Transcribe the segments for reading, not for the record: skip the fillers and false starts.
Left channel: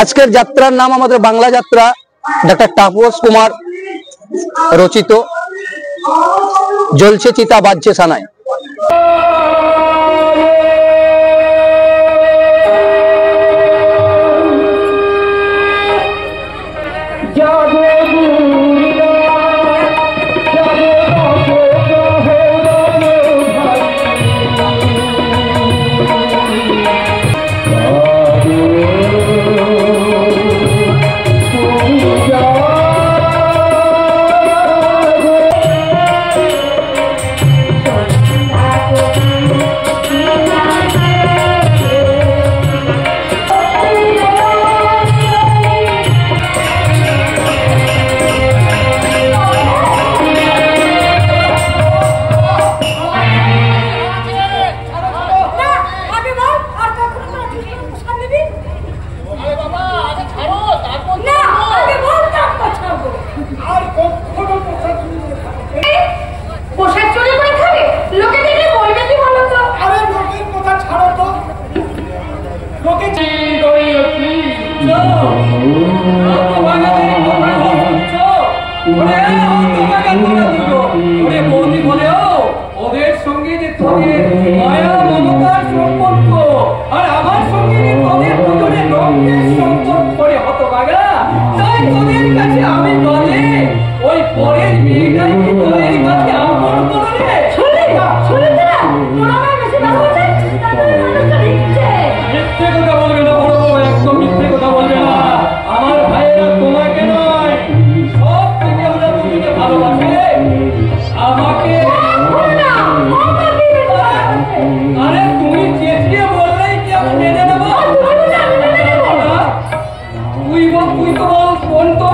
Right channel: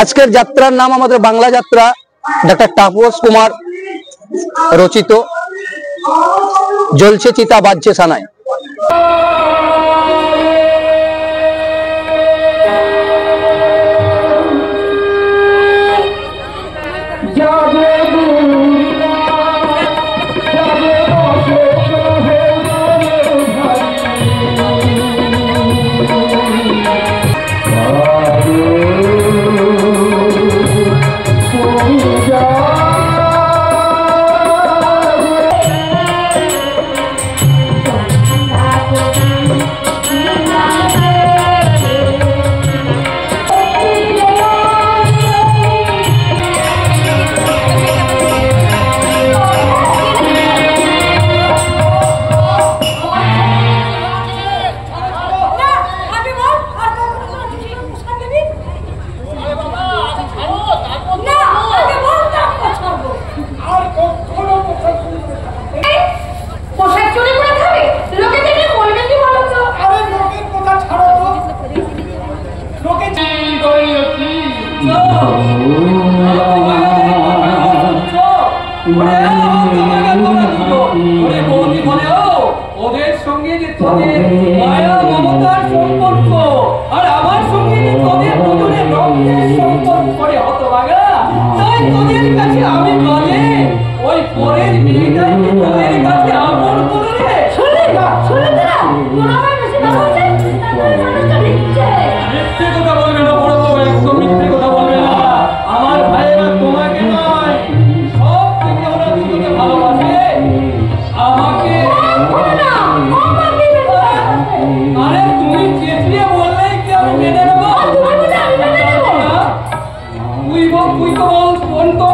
আজকের যাত্রার নাম আমাদের বাংলা যাত্রা, ডক্টর তাপস কুমার রচিত। জ্বলছে চিতা বাজছে সানাই। ওদের সঙ্গে যে তোদের মায়া মমতার সম্পর্ক আর আমার সঙ্গে যে তোদের দুজনের রক্তের সম্পর্ক করে হতভাগা, তাই তোদের কাছে আমি বলে ওই পরের মেয়েটাই কি তোদের কাছে আপন বলে? মিথ্যে কথা বলবে না বড় বউ, একদম মিথ্যে কথা বলবে না। আমার ভাইয়েরা তোমাকে নয়, সব থেকে ওরা দুজনে ভালোবাসে আমাকে। আরে তুমি চেঁচিয়ে বললেই কি আমি মেনে নেবো? তুই তো বল কোন তো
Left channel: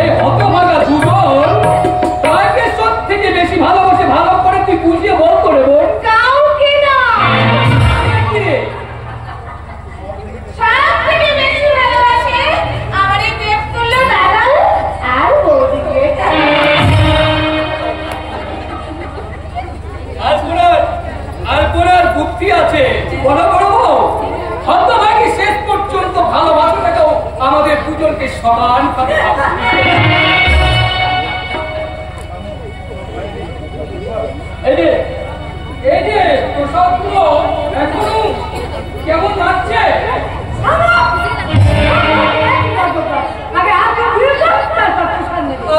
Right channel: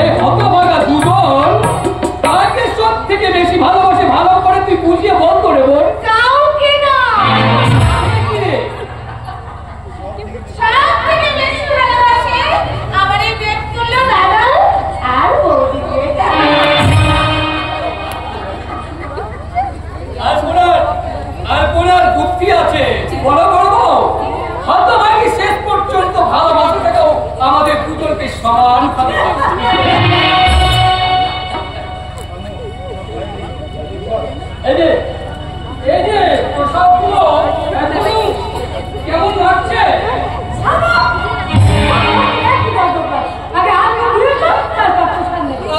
এই হতভাগা দুজন তাকে সব থেকে বেশি ভালোবাসে, ভালো করে তুই বুঝিয়ে বল তো রে বোন। শেষ পর্যন্ত ভালোবাসাটাও আমাদের দুজনকে সমান ভাবে এই যে প্রসাদ গুলো এখনো কেমন লাগছে?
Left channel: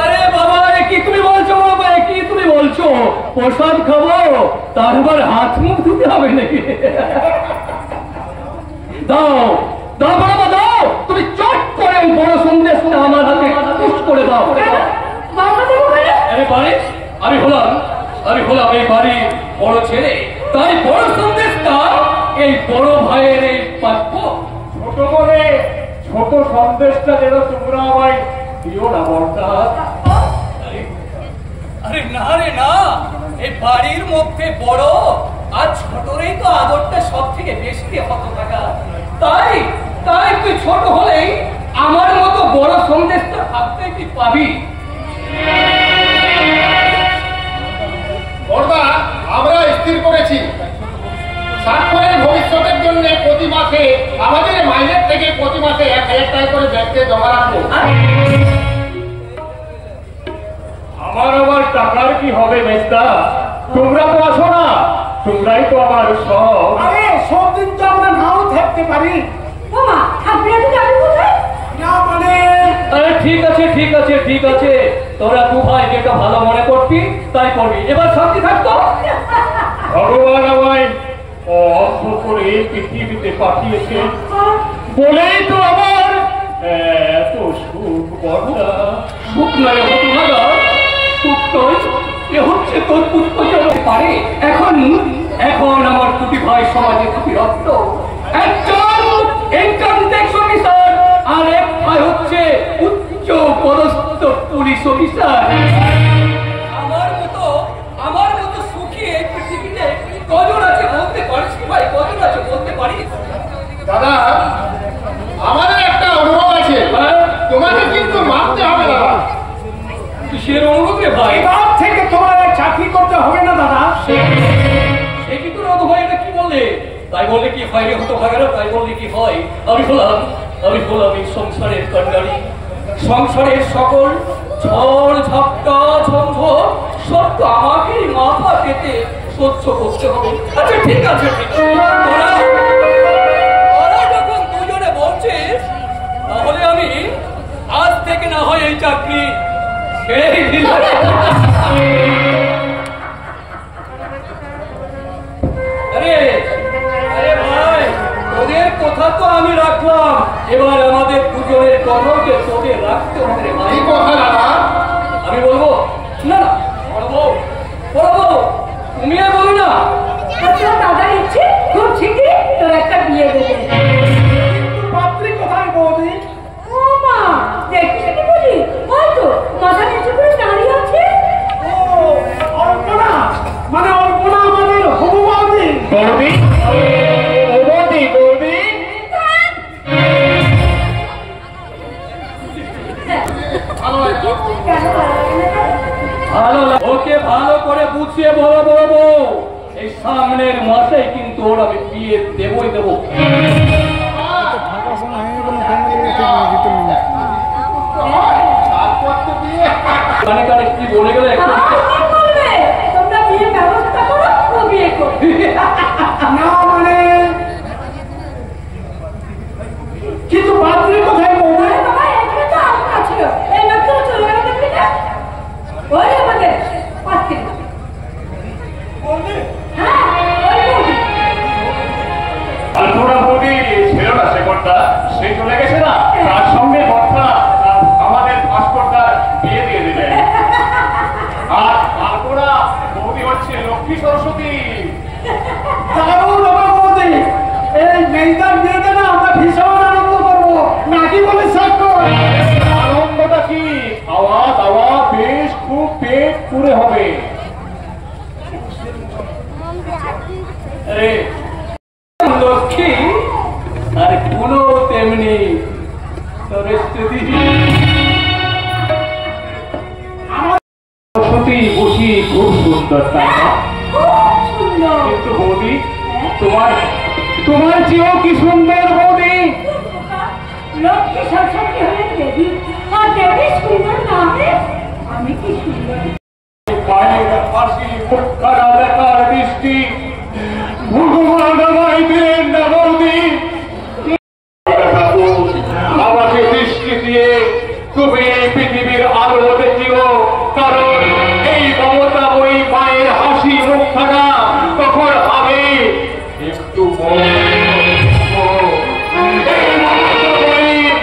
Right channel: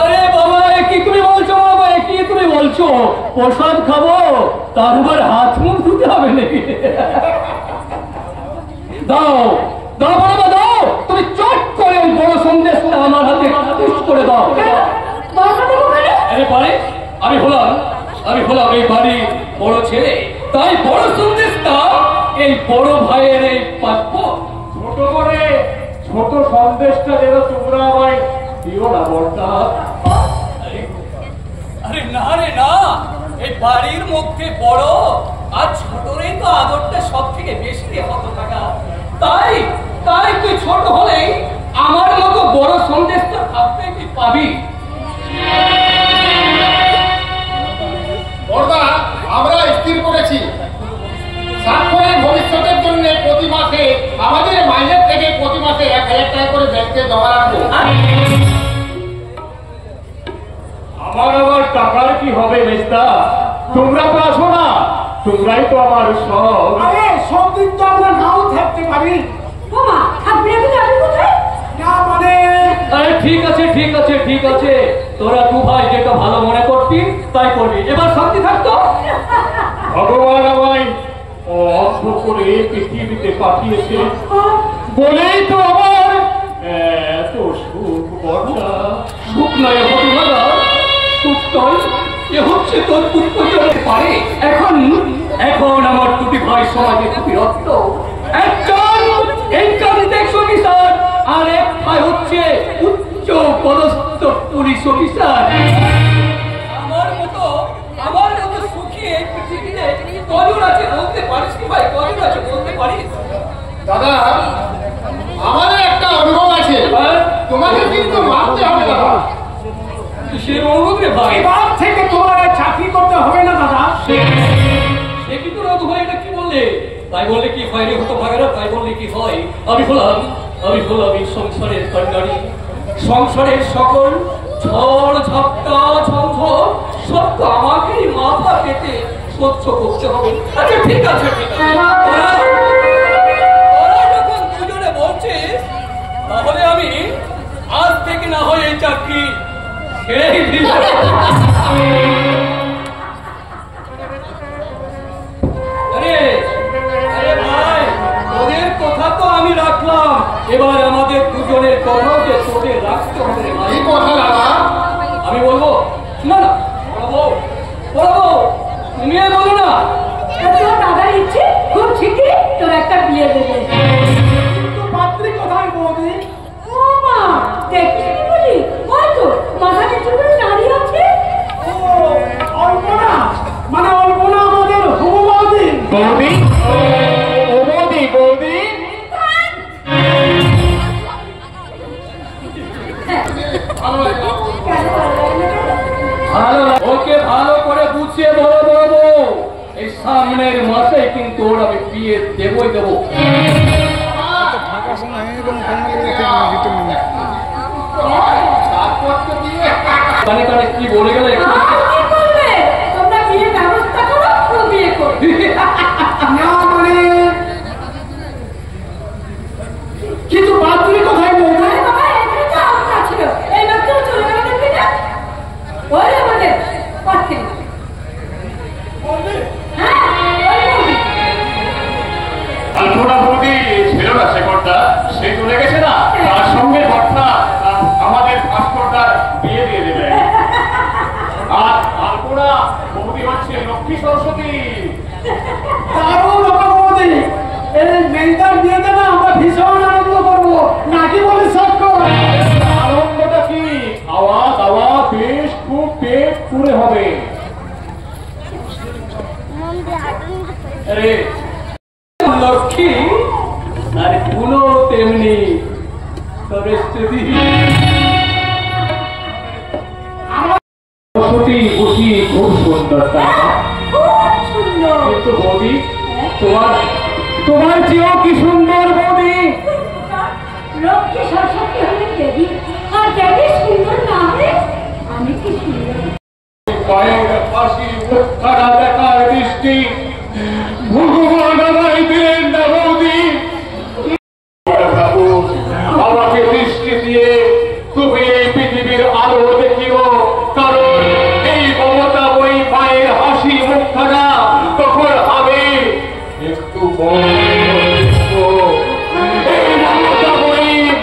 আরে বাবা, কি তুমি বলছো বাবা, কি তুমি বলছো? প্রসাদ খাবো তারপর হাত মুখ ধুতে হবে নাকি? দাও দাও বাবা দাও, তুমি চট করে বড় সন্দেশটা আমার হাতে করে দাও। আমি হলাম এই বাড়ির বড় ছেলে, তাই বড় সন্দেশটা এই বড় ভাইয়ের এই প্রাপ্য। ছোট করে ছোট সন্দেশটা যেন তোমরা আমায় দিও না বড়টা। আরে না রে না, এই বাড়ির মধ্যে বড় আর ছোটরেই তো আদরটা সব থেকে বেশি রে কত টাকা। তাই তুই ছোট হলেই আমার মতো বড় সন্দেশটা থাকতে তুই পাবি। বড়দা, আমরা স্থির করেছি স্বাক্ষরের ভবিষ্যতের জন্য প্রতি মাসে আমাদের মাইনের থেকে প্রতি মাসে 1000 টাকা করে ব্যাংকে জমা রাখবো। আমার আবার টাকার কি হবে মেজদা? তোমরা তো আসো না, তোমরাই তো আমার সব। আরে সব দিন তো আমরা নাও থাকতে পারি। ঠিক আছে তোরা দু ভাই যেটা ভালো মনে করবি তাই করবি, এবার শান্তি থাকতো। ভগবান আমায় অর্থ করে পৃথিবীতে পাঠিয়েছে বলেই তো আমার এত সুখ। বর্ষা সুখ নয় হতভাগা, সুখ নয়, এ হচ্ছে তোর পুত্র পারে। এখন আমার দুটি ভাই সমাজে দুটি রত্ন, একজন ইনকামটেক্স অফিসার আর এক ভাই হচ্ছে উচ্চ পদস্থ পুলিশ অফিসার। আমার মতো সুখী এই পৃথিবীতে কজন আছে বলতে পারিস ভাই? কজন আছে বলতে পারিস? দাদা, আমাদের একটা অনুভব আছে, তোমাকে কিন্তু মানতে হবে দাদা। কিসের অনুভব রে ভাই? এবার থেকে তোমার চাকরি করতে হবে না দাদা। সে কি তোর অনুভব? এটা কি বললে? তাই তাই বললে কি হয় রে হতো ভাগেরা, তাই বললে কি হয়? আমি হলাম এই সংসারের কন্যারি। সংসারের সকল ঝড় ঝাপটা ঝঞ্ঝট সব তো আমাকেই মাথা পেতে সহ্য করতে হবে। আচ্ছা ঠিক আছে তোরা যখন দুজনে বলছিস, তাহলে আমি আজ থেকে না হয় এই চাকরি ছেড়ে দিলাম। আরে ভাই, তোদের কথা তো আমি রাখলাম, এবার আমাদের দুজনের কথাকে তোদের রাখতে হবে রে ভাই। এই কথা না আমি বলবো না, না বলবো তুমি বলো না। দাদার ইচ্ছে খুব ঠিকই তোর একটা বিয়ে দেবে। কিন্তু পাত্রী কোথায় বৌদি? ও মা, দেখিস কি বলি? ওই তো মাথা নিচু করে দাঁড়িয়ে আছে। ও অল্পনা, মানে অল্পনা আমাদের হবু বৌদি। বৌদি বৌদি ভালো হয়েছে। ভালো, ওকে ভালো করে বুঝিয়ে বলবো, এই সামনের মাসে কিন্তু ওর আমি বিয়ে দেবই দেবো। কানে কানে কি বলে গেলে একটু কি বলবে? তোমরা বিয়ে ব্যবস্থা করো, ও বিয়ে করবে। না মানে কিন্তু পাত্রী কোথায় বৌদি? আরে বাবা, এখানে তো আটকা ছিল। এই মাত্র চলে গেল দেখবি না? ওই আমাদের পাত্রী। বৌদি হ্যাঁ, ওই বৌদি। আলপনা বৌদি ছিল না শেখরটা, সে চলে গেছে না, তার সঙ্গে ঘটনা আমাদের ভাস্করটার বিয়ে দিয়ে দেবে। আর আলপনা বৌদি হচ্ছে লক্ষ্মী সরস্বতী। দারুণ ব্যাপার বৌদি। এই মেয়েটার বিয়েতে না আমরা ভীষণ আনন্দ করবো, নাকি বলে সাক্ষ্য? আনন্দটা কি, খাওয়া দাওয়া বেশ খুব পেট পুরে হবে। আরে লক্ষ্মী আর গুলো তেমনি সরস্বতী। সরস্বতী বসি খুব সুন্দর, তাই না? খুব সুন্দর। কিন্তু বৌদি তোমার চেয়েও কি সুন্দর বৌদি। লক্ষ্মী সরস্বতী হলে দেবী, আর দেবী সুন্দর না হলে আমি কি সুন্দর? গায়ের হাসি মুখখানা বেকার দৃষ্টি ভগবান আমায় দিলেন না বৌদি। আমাকে দৃষ্টি দিয়ে তুমি এই পৃথিবীর আলো দেখিও, কারণ এই মমতাময়ী মায়ের হাসি মুখখানা তখন আমি একটু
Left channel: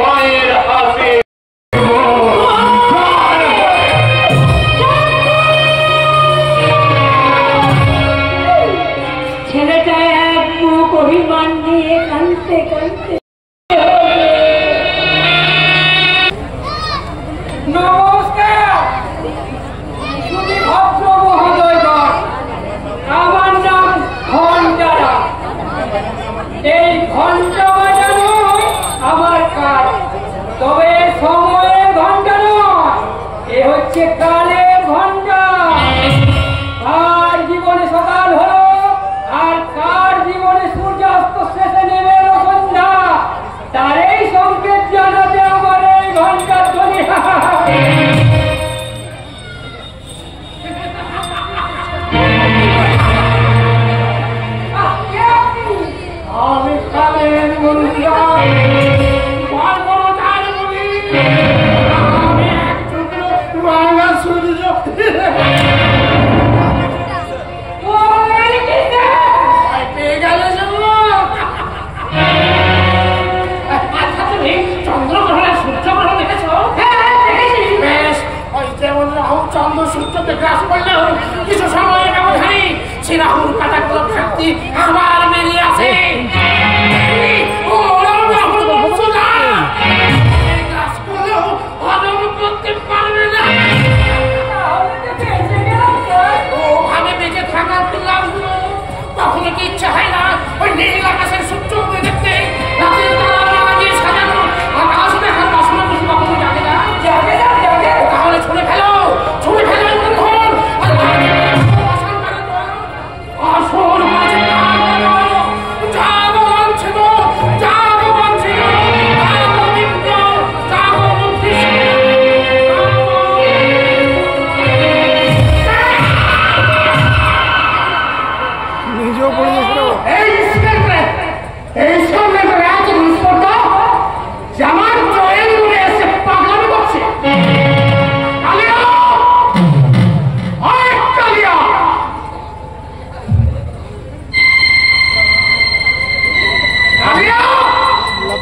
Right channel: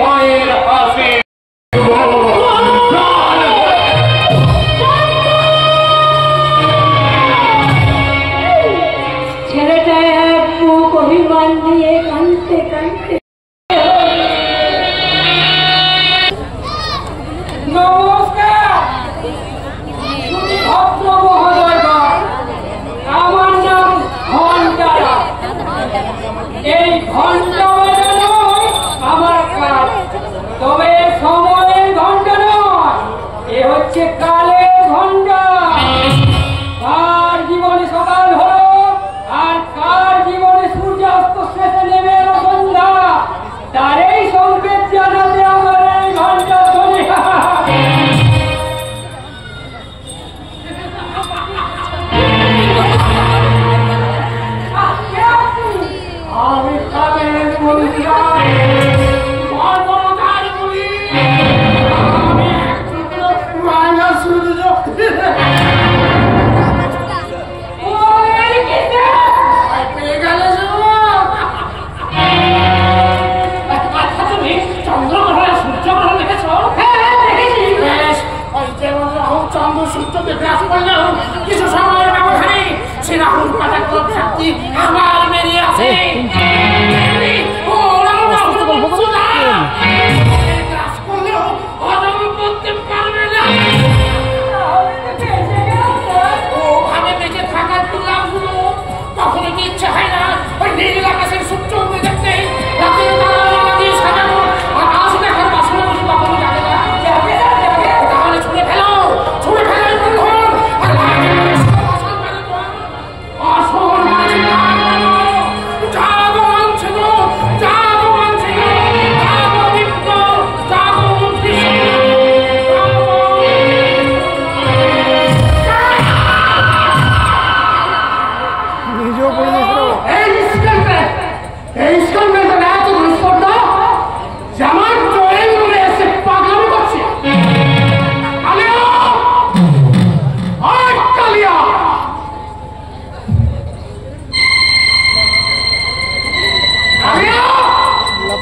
মায়ের হাসি। ছেলেটা এক মুখ অভিমান নিয়ে কাঁদতে কাঁদতে নমস্কার ভদ্র মহোদয়গণ, আমার নাম ঘণ্টারা। এই ঘণ্টা বাজানো আমার কাজ, তবে সময়ের ঘণ্টা নয়, এ হচ্ছে কালের ঘণ্টা। কার জীবনে সকাল হলো আর কার জীবনে সূর্যাস্ত শেষে নেমে এলো সন্ধ্যা, তারই সংকেত জানাতে আমার এই ঘণ্টার ধ্বনি। আমি কালের মন্ত্রা, বর্বরতার বলি, আমি এক টুকরো রাঙা সূর্য। পেয়ে গেল আচ্ছা, তুমি চন্দ্রগ্রহণের সূর্যগ্রহণ দেখেছ? বেশ, ওই যেমন রাহু চন্দ্র সূর্যকে গ্রাস করলেও কিছু সময়ের ব্যবধানে সে রাহুর কাটাগুলো ভ্রান্তি আবার বেরিয়ে আসে। গ্রাস করলেও হজম করতে পারবে না। ওভাবে বেঁচে থাকার কি লাভগুলো কখনো কি ইচ্ছা হয় না ওই নীল আকাশের সূর্য উঠে দেখতে? রাতের তারা দিয়ে সাজানো আকাশ দেখার বাসনা বসে কখনো জাগে না? তাহলে ছুঁড়ে ফেলো এই বন্ধন। আসল মানে তো আসল মানে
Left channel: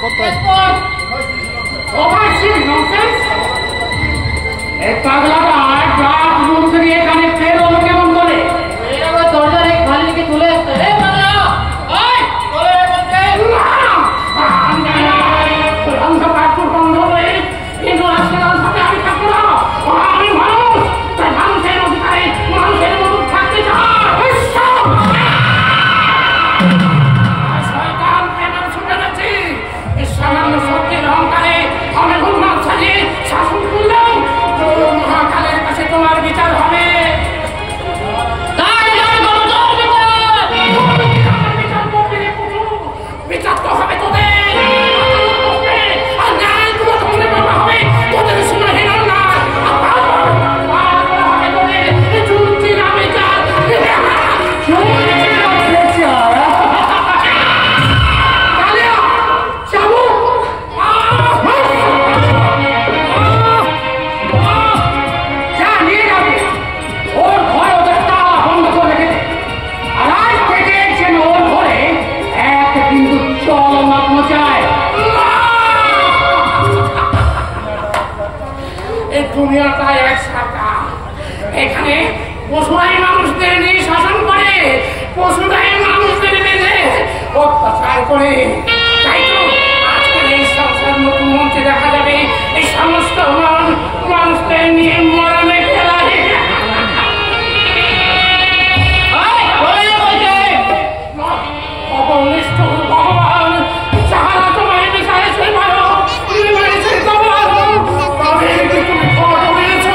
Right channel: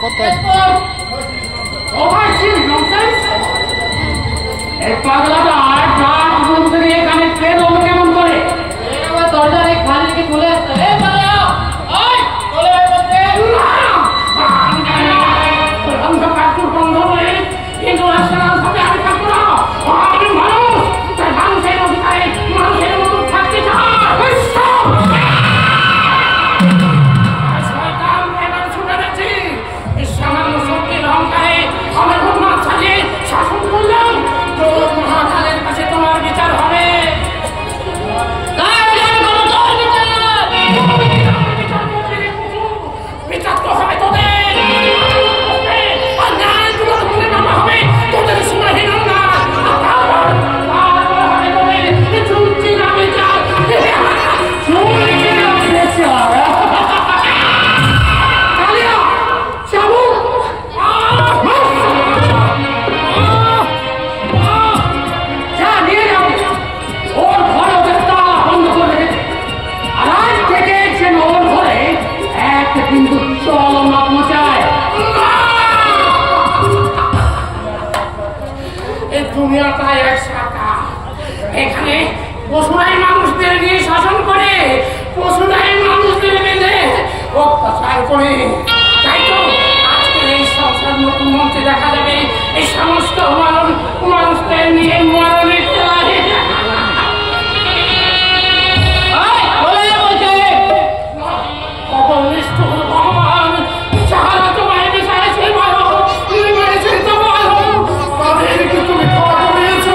এই পাগলাটা আর রাত রুম করে এখানে ফের ও কেমন করে দরজার এক খালিকে তুলে পাগলা ওই চলে বলছে কিন্তু আমি থাকবো না আমি মানুষ তাই মানুষের অধিকারে মানুষের মতো থাকতে চাই সামান্য শক্তির অহংকারে আমি উন্মাদ সাজিয়ে শাসন করলাম তো মহাকালের কাছে তোমার বিচার হবে বিচার তো হবে তোদের হবে তোদের সুনাহীন না হবে তোদের চুক্তি না বিচার কিন্তু চলো না পৌঁছায় এই দুনিয়াটা এক শাখা এখানে পশুরাই মানুষদের নিয়ে শাসন করে পশুরাই মানুষদের বেঁধে অত্যাচার করে তাই তো আজকের এই সংসার নতুন মঞ্চে দেখা যাবে এই সমস্ত মানুষদের নিয়ে মরণে খেলা ভগবান যাহারা তোমায় বিষয়েছে তাদেরকে তুমি খড় দিয়েছ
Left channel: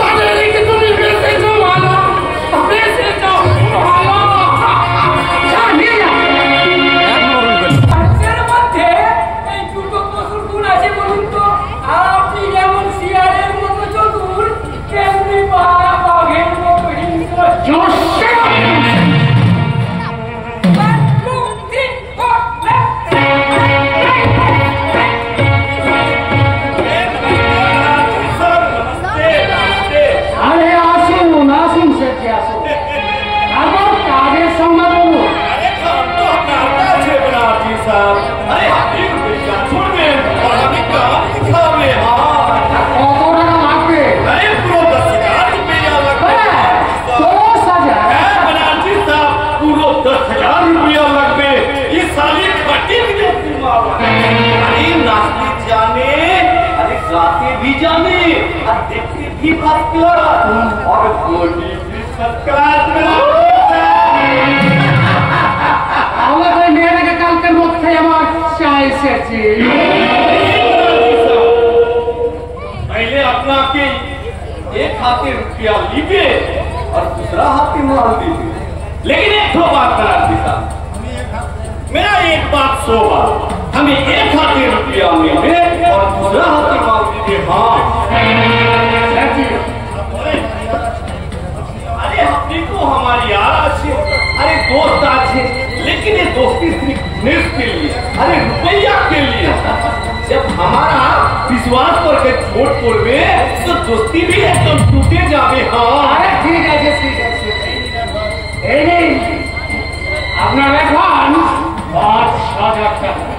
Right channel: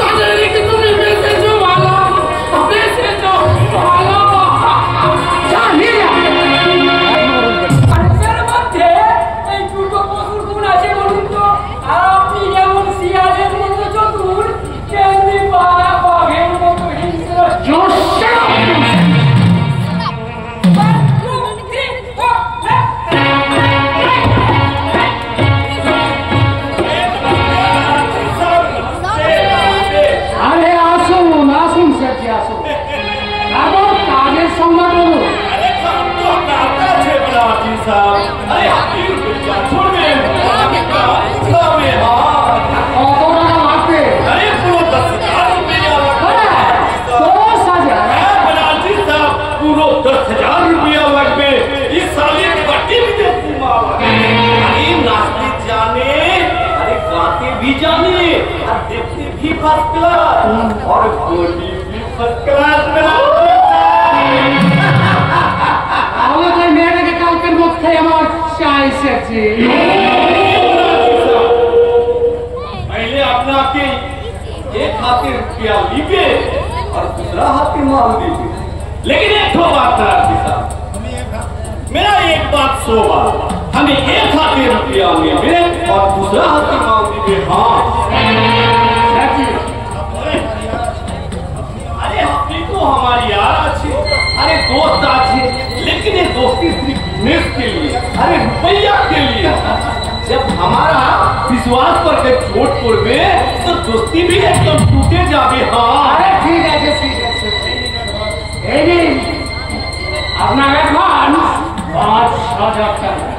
তাদেরকে তুমি বেঁচেছ ভালো বেঁচেছ ভালো মধ্যে এই দুটো পশুর গুণ আছে বলুন তো আপনি যেমন শিয়ালের মতো চতুর তেমনি বাঘের মতো হিংস্র भी जाने और देखते भी फर्स्ट क्लास और बोली भी फर्स्ट क्लास पहले अपना के एक हाथे रुपया लीजिए और दूसरा हाथे मांग लीजिए लेकिन एक दो बात करा देता मेरा एक बात 100 बात हमें एक हाथे रुपया मिले और दूसरा हाथे मांग दीजिए हाँ अरे अपनी को हमारी यार अच्छी अरे दोस्त अच्छे लेकिन ये दोस्ती सिर्फ बिजनेस के लिए अरे रुपया के लिए जब हमारा विश्वास पर छोट पड़े तो दोस्ती भी एकदम टूटे जावे हाँ अरे ठीक है अपना এখন 5,000 টাকা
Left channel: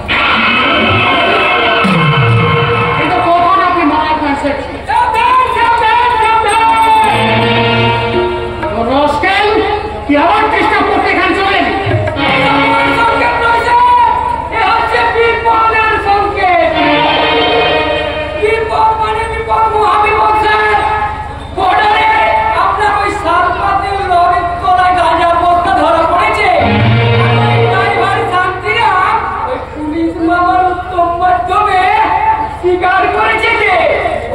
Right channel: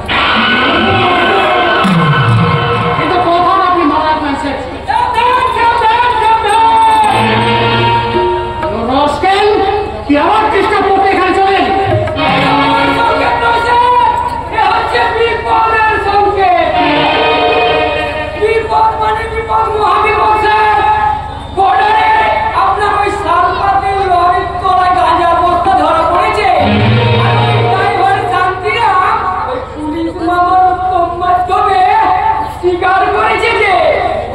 কিন্তু কোথাও আপনি মারা যাচ্ছে রোস্টেল কি আমার চেষ্টা করতে এখানে চলেন স্বীকার করেছে যে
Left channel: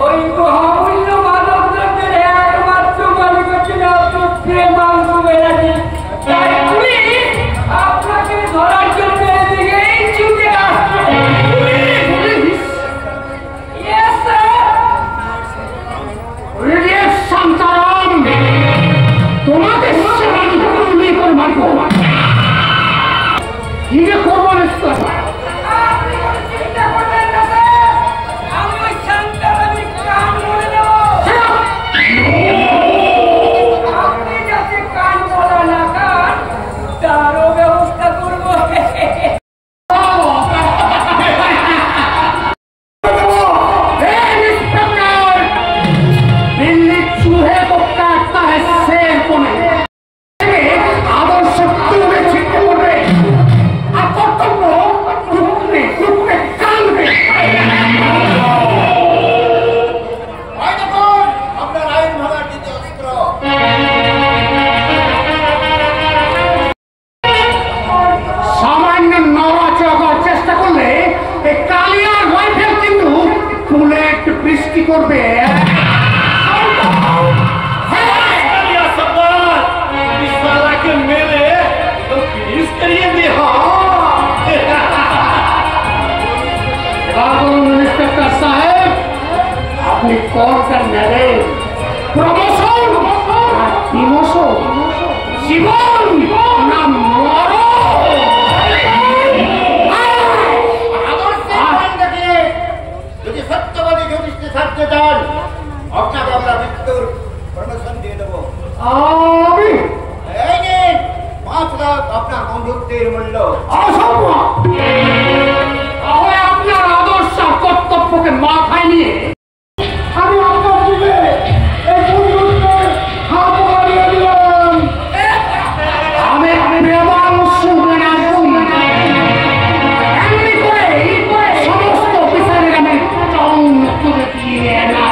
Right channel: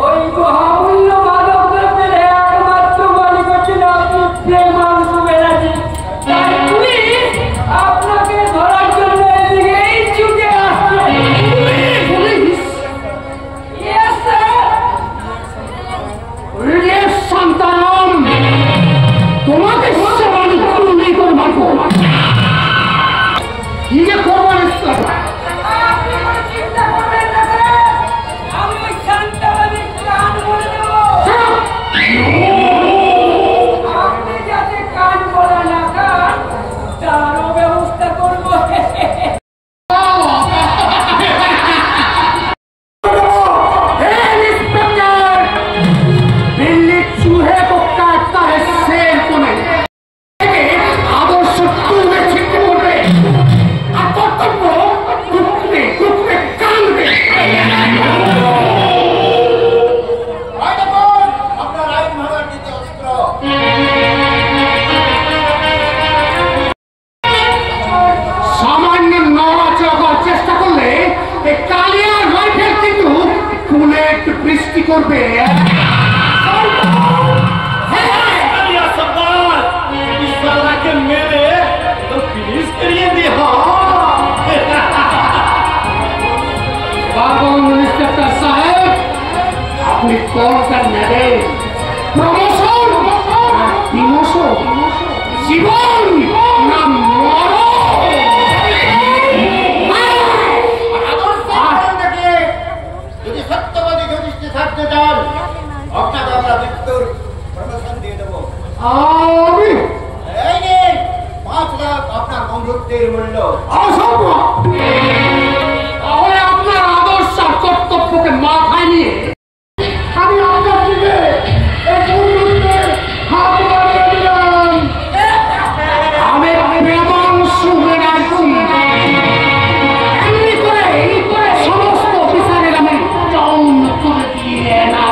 ওই মহামূল্য মাদকদ্রব্যের একমাত্র মালিক ছিল আপনি প্রেমাংশু ব্যানার্জি তাই পুলিশ আপনাকে ধরার জন্য এদিকেই ছুটে আসছে সন্তান তোমাকে আমি গুলি করে মারবো কি যে করবো চিন্তা করবেন না স্যার আমি ওই আর রাইফেল কিন্তু বুলেট বৃষ্টি করবে। मेरे तो फिनिश करिए भी। इंस्पेक्टर साहब अपनी कॉल कर नेबे प्रमोशन डिमोशन জীবন না মরো। যদি সত্যবাদী ঘনিষ্ঠ থাকতে চান আপনাকে আমরা মৃত্যুর প্রমোশন দিয়ে দেবো। আমি এই নিন 5 লাখ আপনার বন্ধুত্বের মূল্য। তাহলে আপনার আদর্শ আর কর্তব্যকে মাথায় নিয়ে আমি আপনার দিকে এই বন্ধুত্বের হাত বাড়িয়ে দিলাম। আমি প্রেমাংশু এমনি করে সমস্ত অফিসারের আমি টাউন করে দিয়ে এলাম।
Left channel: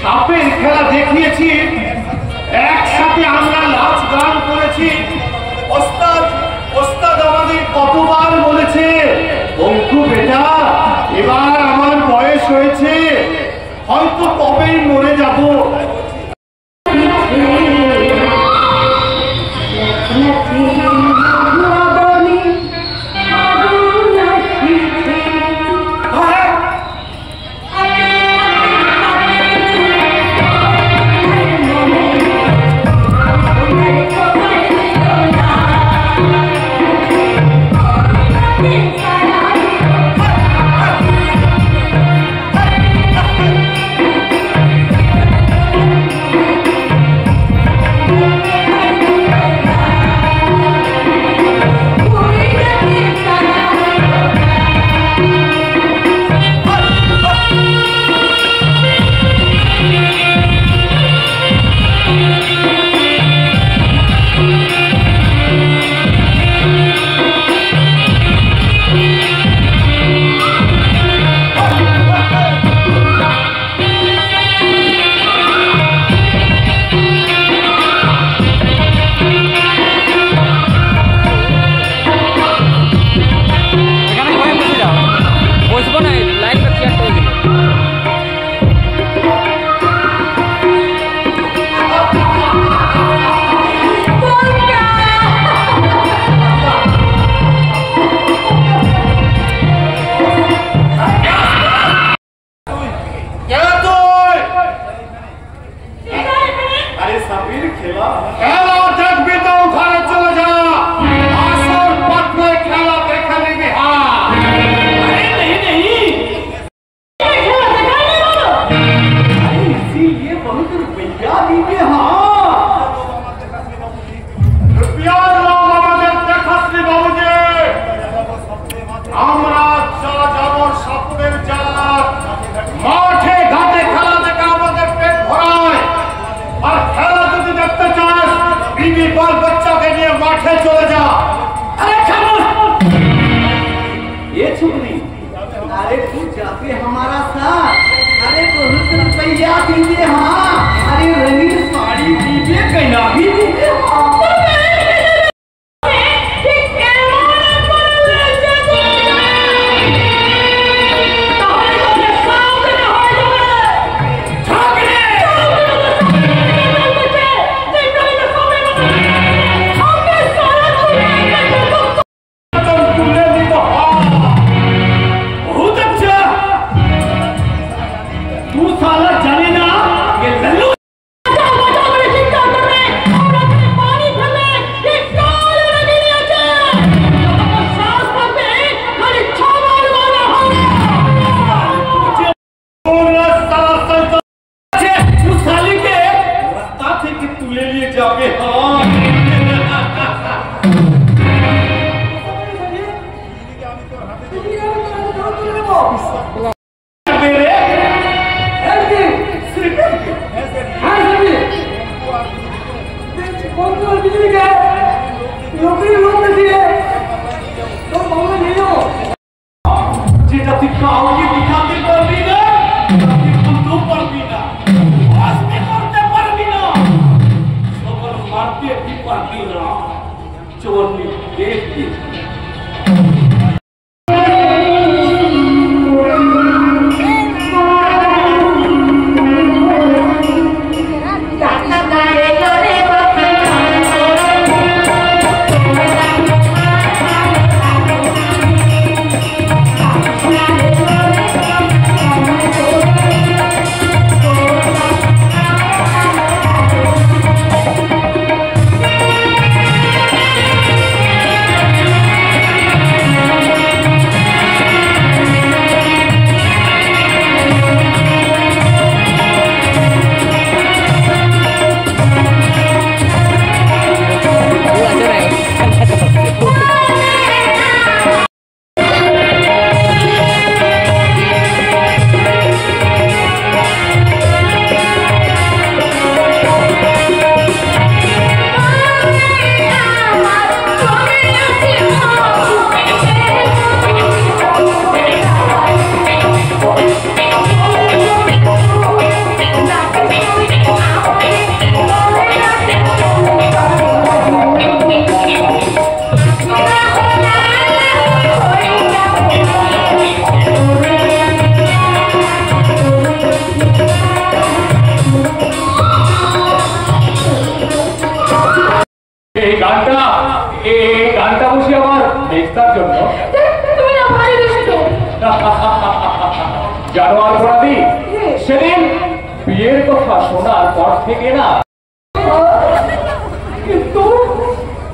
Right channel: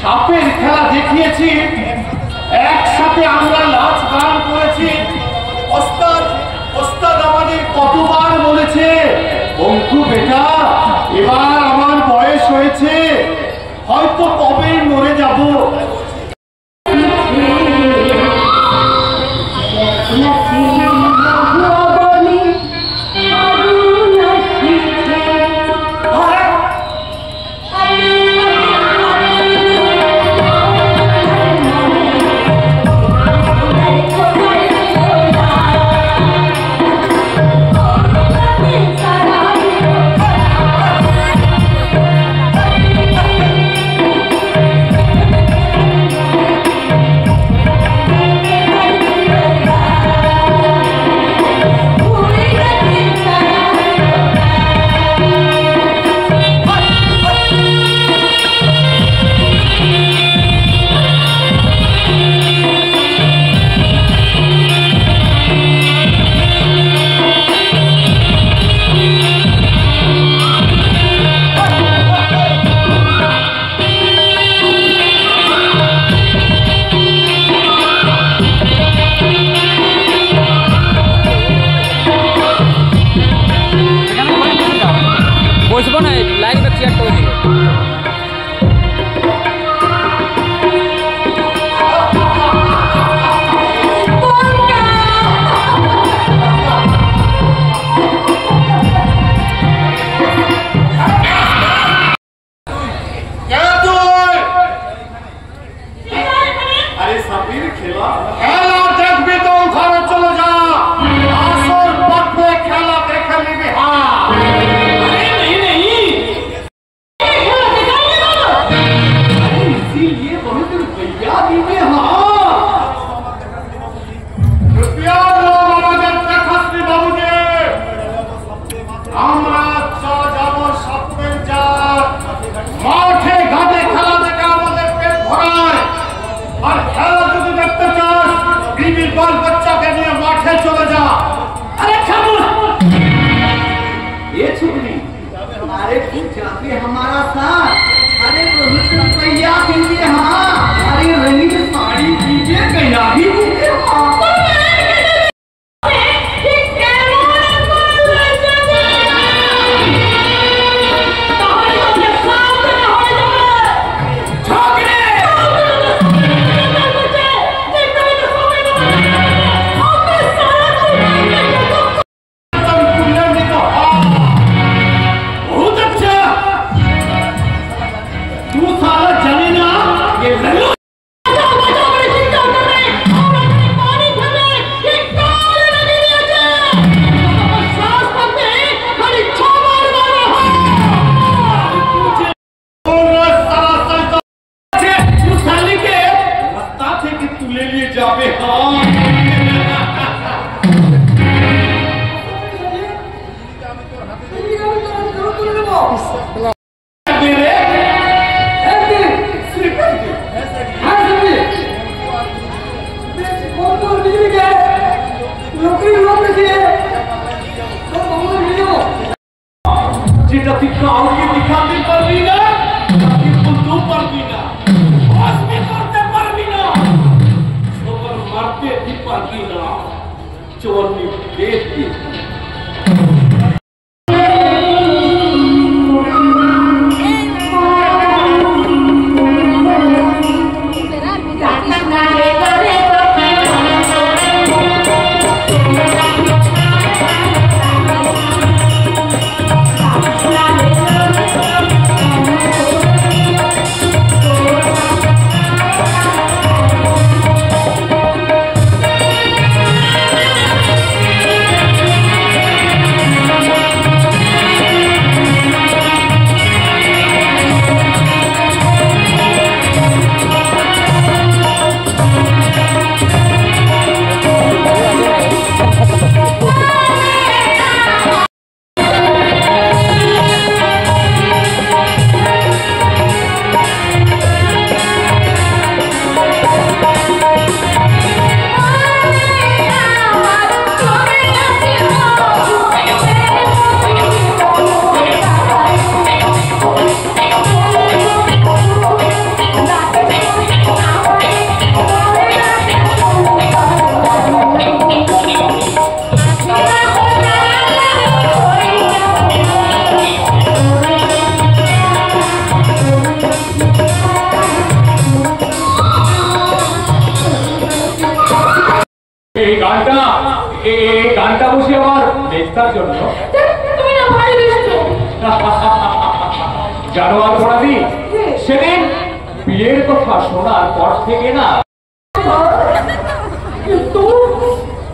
সাপের খেলা দেখিয়েছি, একসাথে আমরা নাচ গান করেছি। ওস্তাদ আমাদের কতবার বলেছে, বন্ধু বেটা এবার আমার বয়স হয়েছে, হয়তো কবেই মরে যাব। বাল বাচ্চাকে নিয়ে মাঠে চলে যা। अरे खामोश, ये छुपली, अरे तू जाके हमारा साथ, अरे बहुत रुपया दीजिए, हाँ अरे रंगीन साड़ी दीजिए, गहना भी दीजिए, हाँ।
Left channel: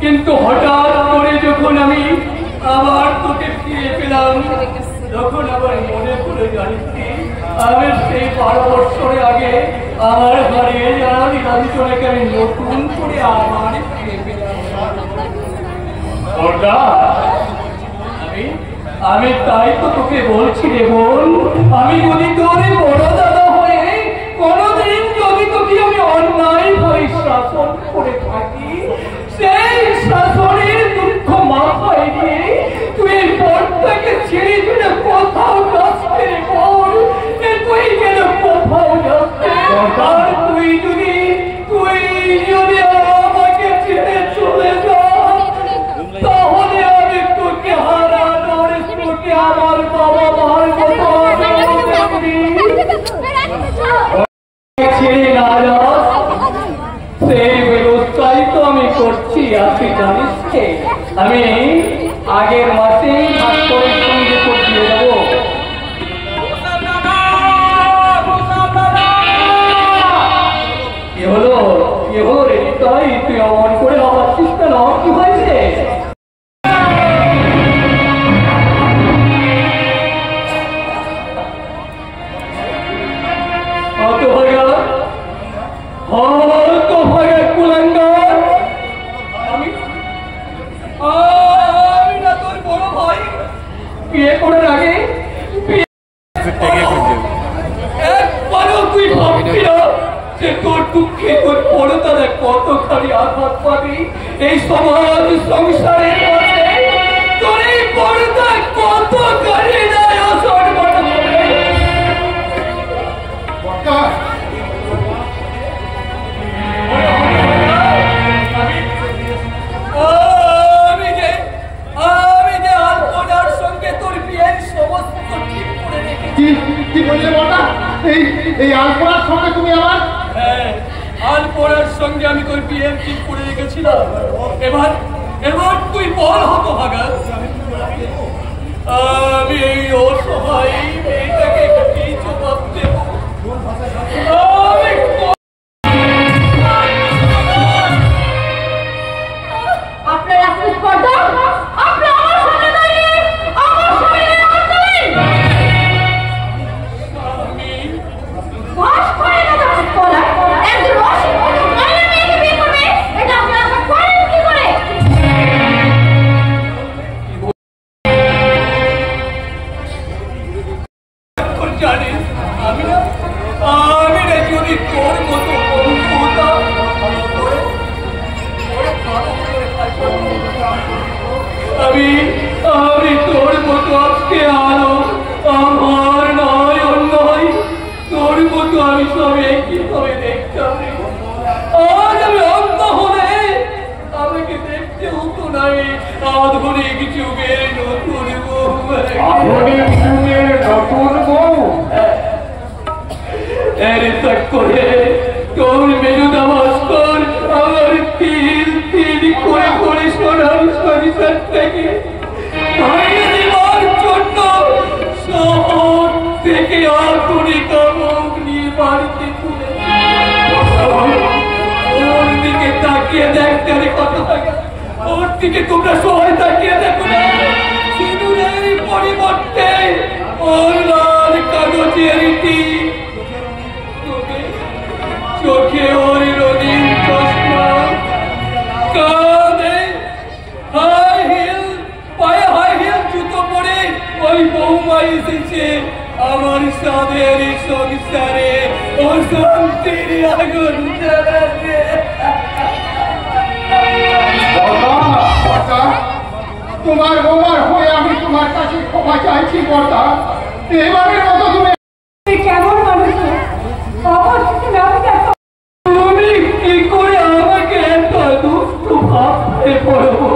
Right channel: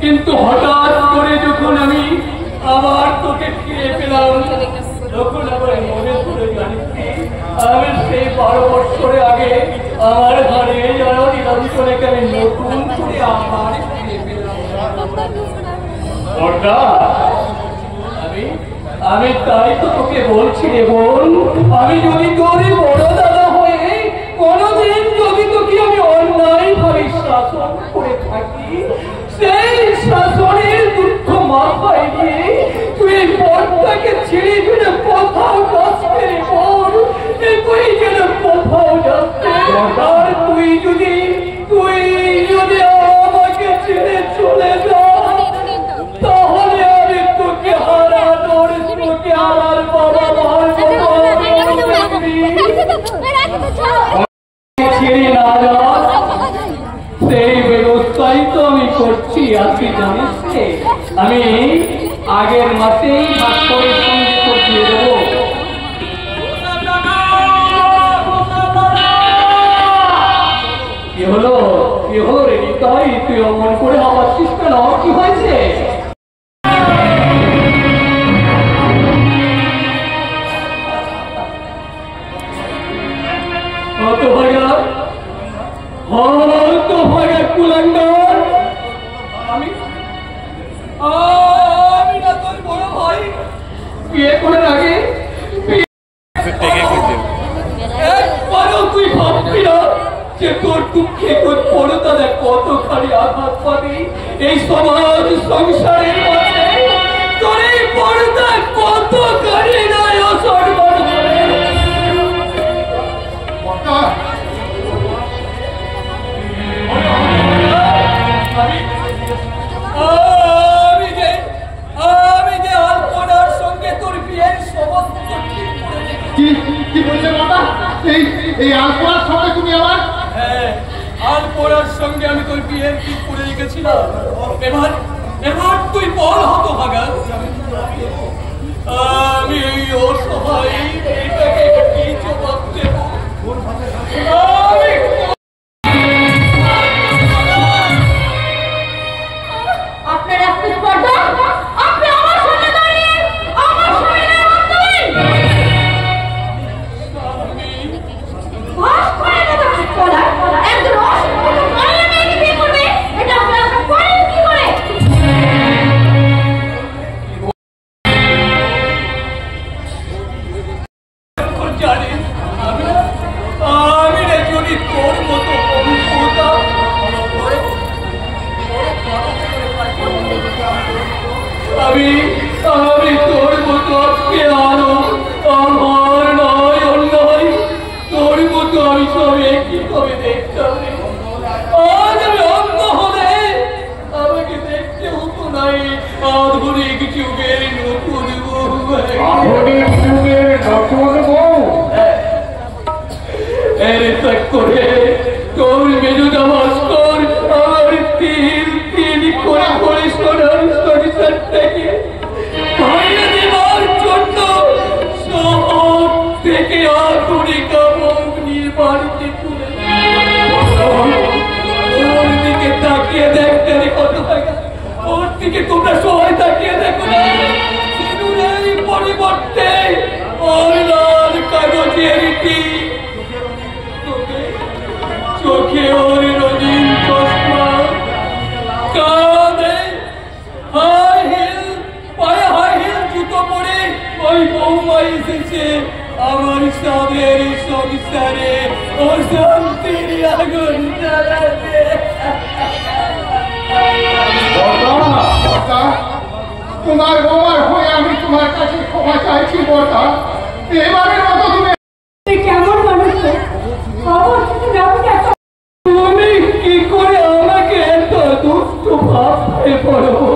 কিন্তু হঠাৎ করে যখন আমি আবার তোকে ফিরে পেলাম, তখন আবার মনে পড়ে জানিসি আমি সেই 12 বছরে আগে আমার হারিয়ে যাওয়া নীলাঞ্চলকে আমি নতুন করে আবার ফিরে পেলাম। আমি তাই তো তোকে বলছি রে বোন, আমি যদি তোর বড় দাদা হয়ে কোনদিন যদি তোকে আমি অন্যায় ভাবে শাসন করে থাকি, সেই শাসনের দুঃখ মাথায় নিয়ে তুই এই পথটাকে ছেড়ে ফেলে কোথাও যাচ্ছে রে বোন, তুই যেন কোথাও যাচ্ছে। আর তুই যদি আমাকে ছেড়ে চলে যাস, তাহলে আমি তোকে হারানোর, তোকে আমার বাবা মার ছেড়ে না যাস, সেই ব্যবস্থাই তো আমি করছি। আজকে জানিস আমি আগের মাসে ডাক্তারের সঙ্গে দিয়ে দেবো। কি হলো রে তাই তুই অমন করে হওয়াচ্ছিস কেন? কি হয়েছে? আমি না তোর বড় ভাই, বিয়ে করার আগে একবারও তুই ভাববি না যে তোর দুঃখে তোর পরতা দেখ কতখানি আঘাত পাবি এই সমাজ সংসারের মাঝে তোর এই পরতা কতখানি নাই অসম্মান হবে। আমি যে আলপনার সঙ্গে তোর বিয়ের সমস্ত ঠিক করে রেখেছি। কি বলছে বাবা? এই আলপনার সঙ্গে তুমি আমার? হ্যাঁ, আলপনার সঙ্গে আমি তোর বিয়ের ঠিক করে রেখেছিলাম। এবার তুই বল হতভাগা, আমি এই অসহায় মেয়েটাকে কি জবাব দেব? আপনার এত স্পর্ধা, আপনি আমার সামনে দাঁড়িয়ে আমার শরীরে হাত দিলেন। ভাস করে না বলা একজন অশিক্ষিত মহিলা মেয়েকে বিয়ে করবে, এটা আপনি আশা করেন কি করে? জানিস আমি না যদি তোর মতো বন্ধু হতাম আমি তোর মতো আজকে আলো আমার নয় অন্যয় তোর মতো আমি সবে কিভাবে দেখতাম। আজ আমি অন্য হলে আমাকে দেখতে হতো নাই আধুনিক যুগের নতুন বউ। আধুনিক যুগের নতুন বউ করে তোর মেজুদা ভাস্কর আমার তিল তিল করে করে সোনার সংসার থেকে বাইরে দেওয়ার জন্য শহর থেকে আধুনিক মুখ নিয়ে বাড়িতে তুলে ওর দিকে তাকিয়ে দেখ তারে কত টাকা, ওর দিকে তোমরা সবাই তাকিয়ে দেখো না। সিঁদুরের পরিবর্তে ওর লাল কাগজের টিপ, চোখে ওর রঙিন চশমা, কাঁধে হাই হিল, পায়ে হাই হিল জুতো পরে ওই বৌমা এসেছে আমার সাদের সংসারে ও শান্তির আগুন জ্বালাতে। তোমার বৌমার হয়ে আমি তোমার কাছে ক্ষমা চাইছি বর্দা। এবারের মতো তুমি কেমন মানুষ আমার সাথে ব্যবহার তুমি কি করে আমাকে এত দুষ্ট ভাবতে পারবো?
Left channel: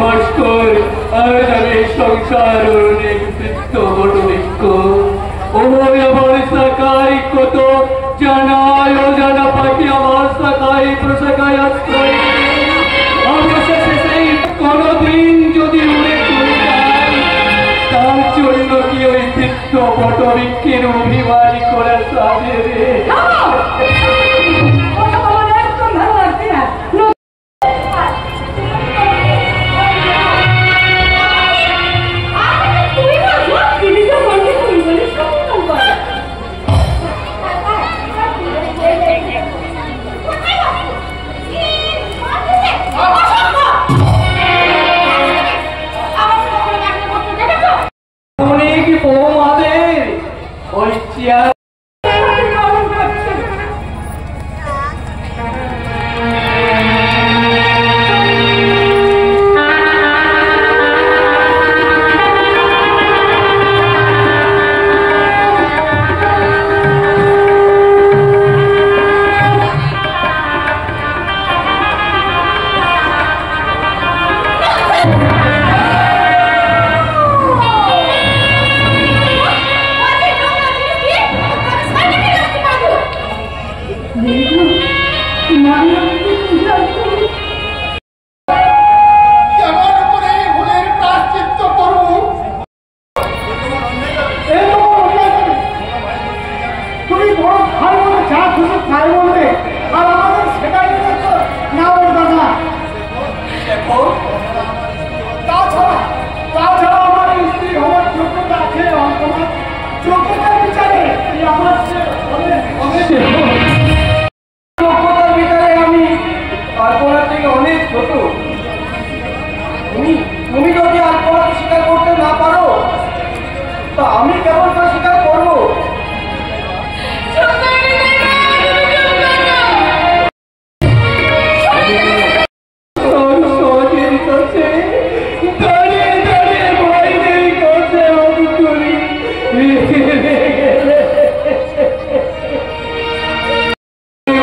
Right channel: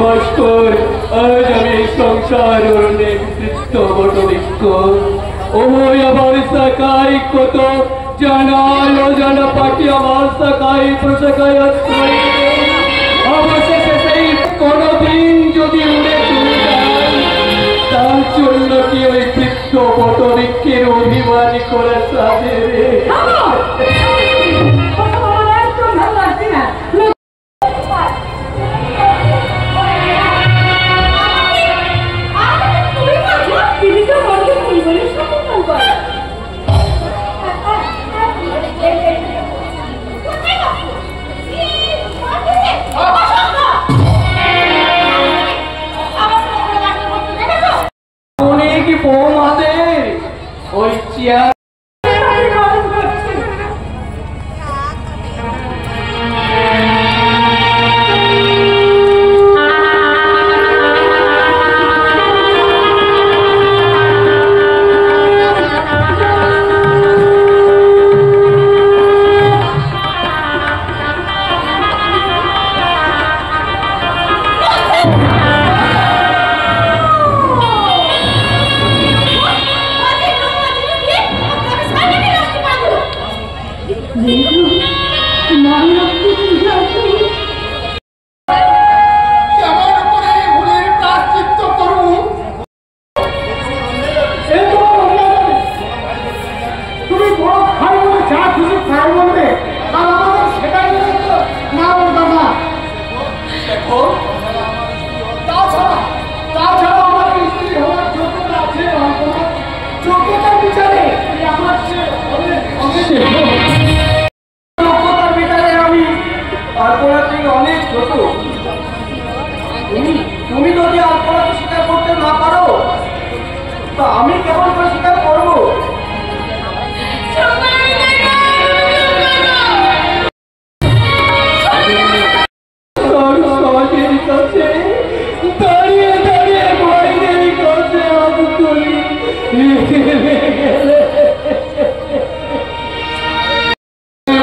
ভাস্কর আজ আমি সংসার নেতৃত্ব বটবৃক্ষ ওই আমার শাখায় কত জানা জানা পাখি আমার শাখায় প্রশাখায় আশ্রয় অবশেষে সেই কোনদিন যদি উড়ে চলে যায় তার জন্য কি ওই বৃক্ষ বটবৃক্ষের অভিমান করার সাথে একদম ভালো লাগছে না। অনেক বৌমাদের ওই চেয়ার কেমন করে ভুলের প্রায়শ্চিত্ত করব? তুমি বড় খাই বলে যা খুশি খাই বলবে আর আমাদের সেটাই না বলবে না। তাছাড়া আমাদের স্ত্রী হওয়ার যোগ্যতা আছে, যোগ্যতার বিচারে আমার যোগ্যতার বিচারে আমি আলপনার থেকে অনেক ছোট। তুমি যদি আলপনাকে স্বীকার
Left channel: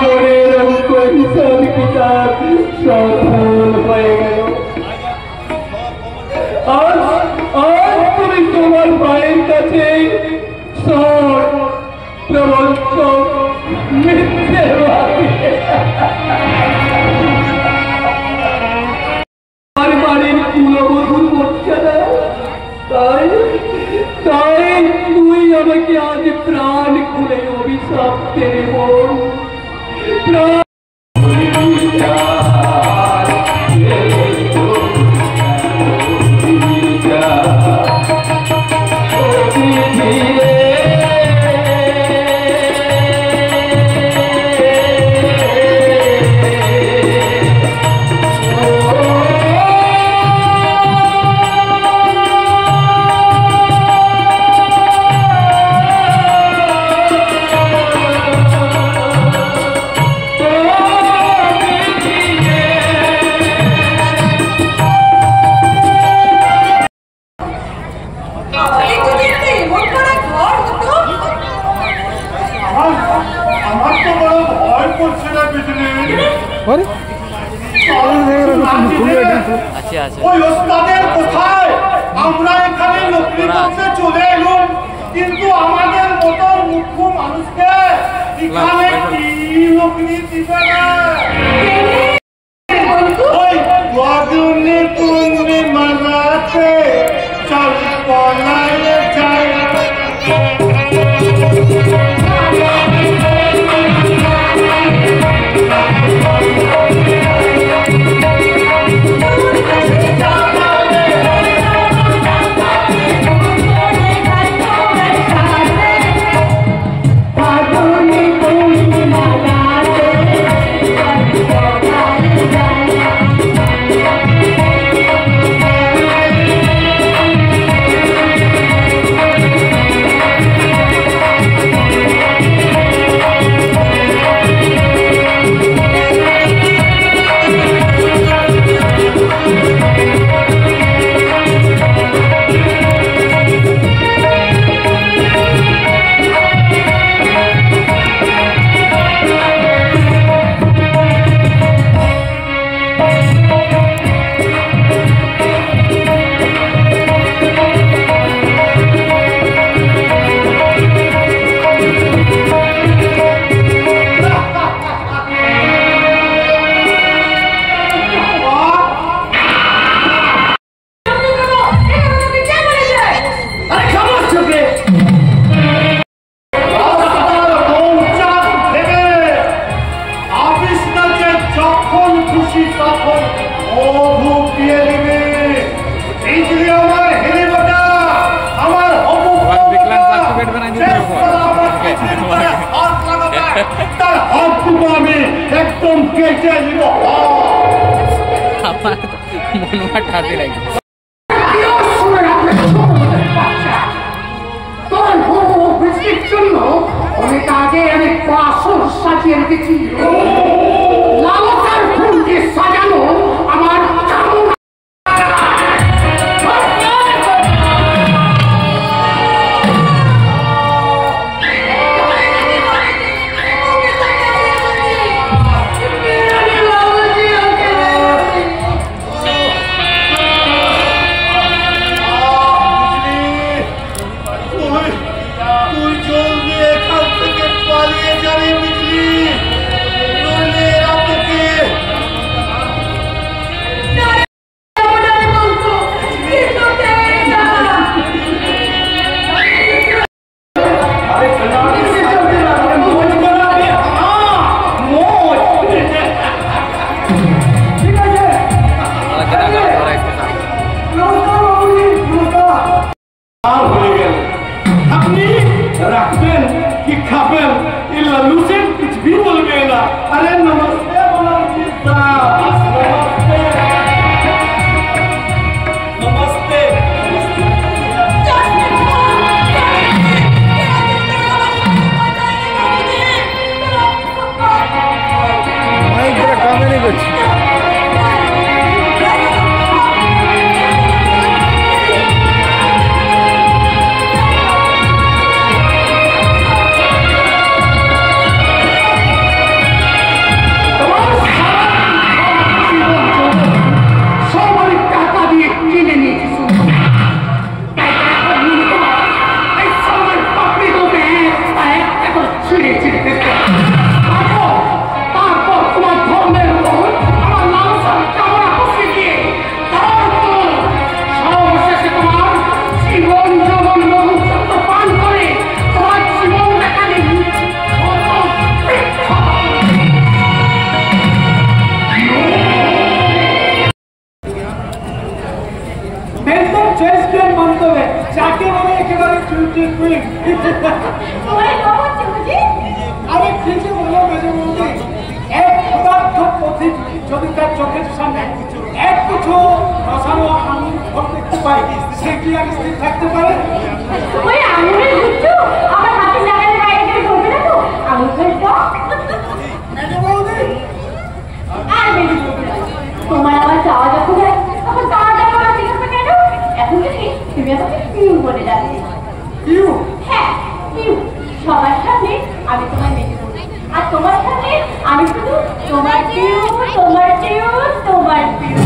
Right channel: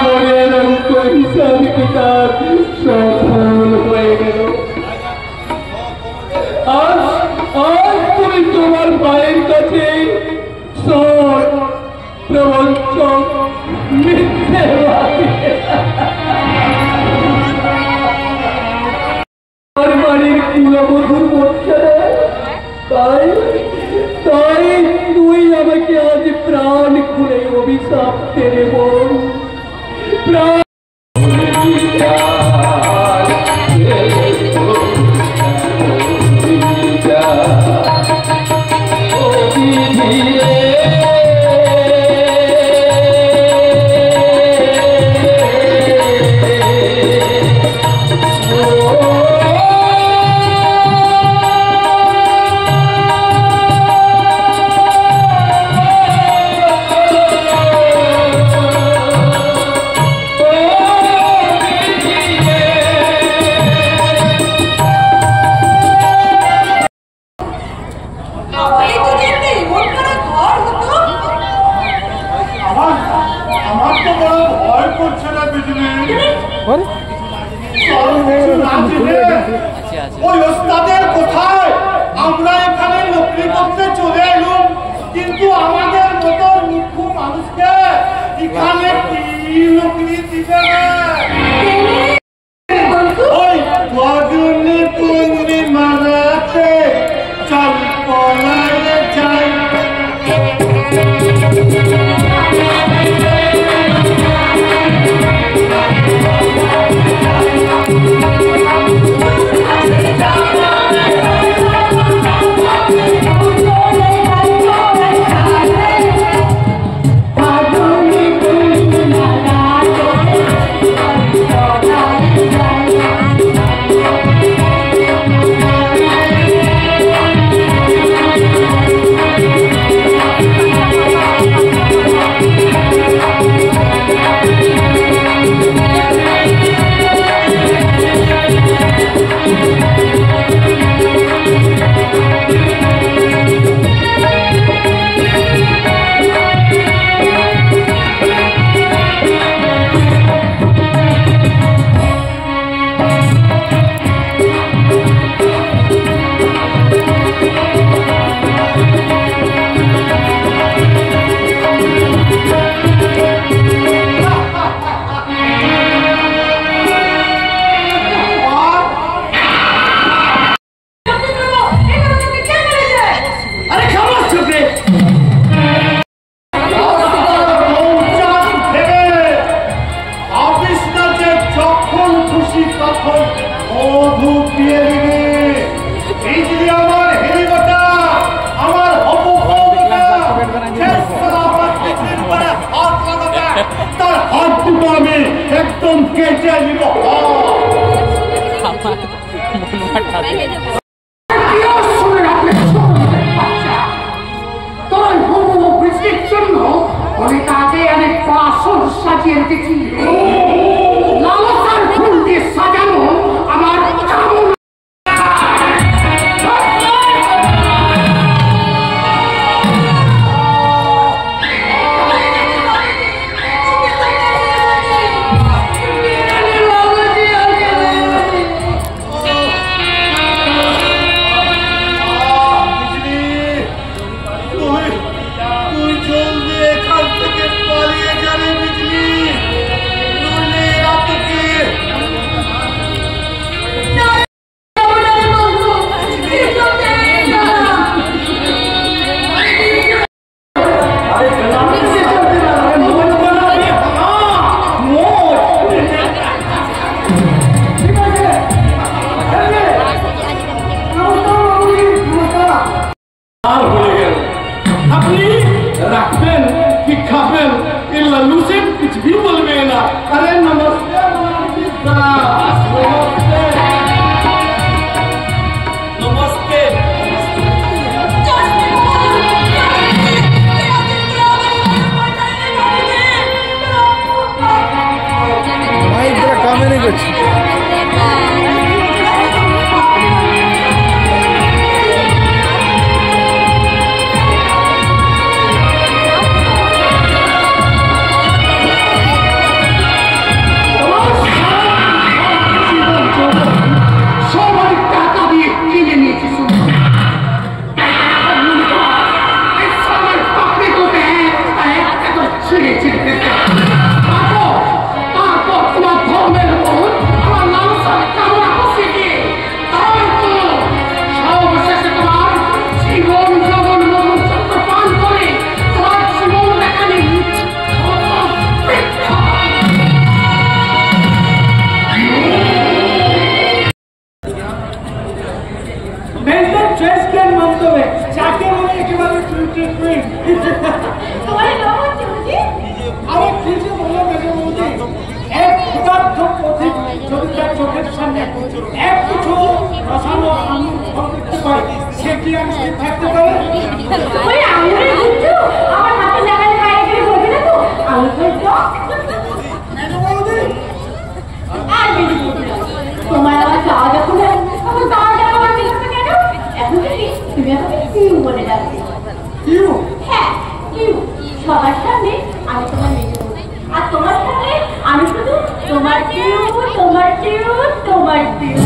মনের অঙ্ক হিসাব কিতাব সফল হয়ে গেল। আজ তুমি তোমার ভাইয়ের কাছে সব প্রবঞ্চক মিথ্যেবাদী আর বাড়ির কুলবধূ করছে না, তাই তাই তুই আমাকে আজ প্রাণ খুলে অভিশাপ দেবে বল। প্রাণ ওই ওস্তাদের কোথায় আমরা এখানে নকরি করতে চলে এলাম, কিন্তু আমাদের মতো মূর্খ মানুষকে এখানে কি নকরি দিবে না? ওই গজনী তুমি মানাতে চল পলাইলে যাই। একদম কেটে নিব। তোর হবু বৃষ্টির জন্য অনেক আগে অনেক বাসন সাজিয়ে রেখেছি। লালসার ফুল দিয়ে সাজানো আমার চামড়া। আরে কি যে বলে মেজে বলছি, এক ক্ষুধার্ত পথিক যদি তার চোখের সামনে এক কিছু রসালো আঙুর ফল দেখতে পাই, সে কি আমি স্থির থাকতে পারে? তোমার আবার যাওয়া যখন তখন যাওয়াটা আমার দেখো কেন? এখন তুমি আমাকে কিউ বলে যাচ্ছি। কিউ? হ্যাঁ কিউ। সবার সামনে আমি তোমার মেজে দেবো, আর তোমার সামনে আমি শুধু তোমার কিউ, তোমার কিউ, তোমার কিউ।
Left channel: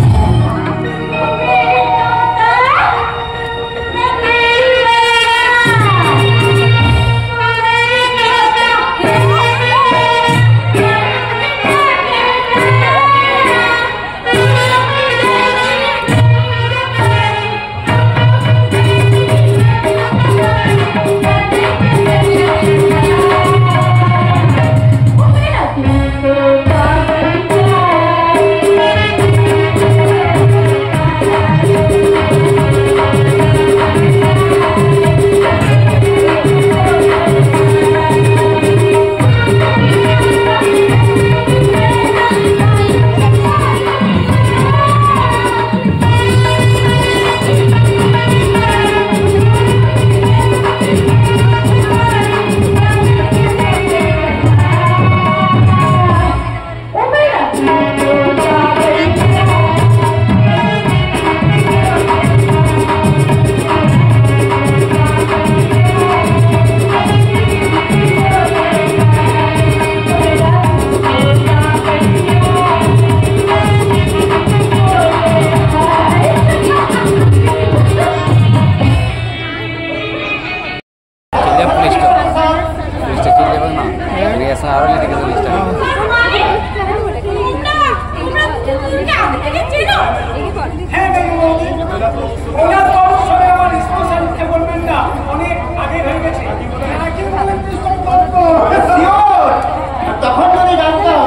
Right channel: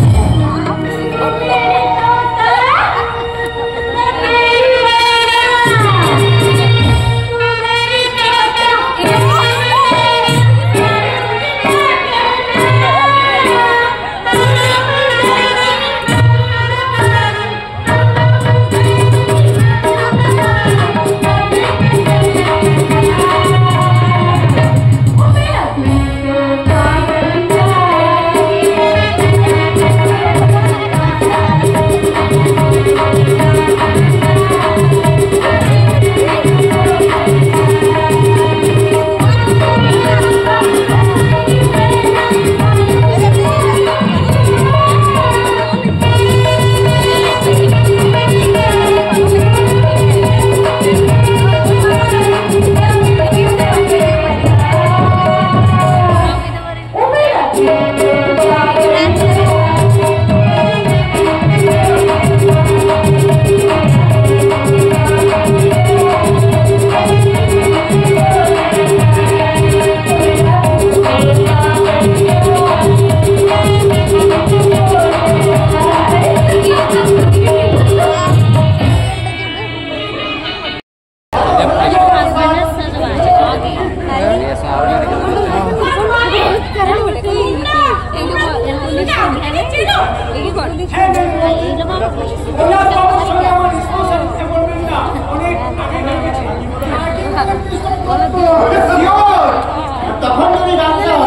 তখন যদি জানতাম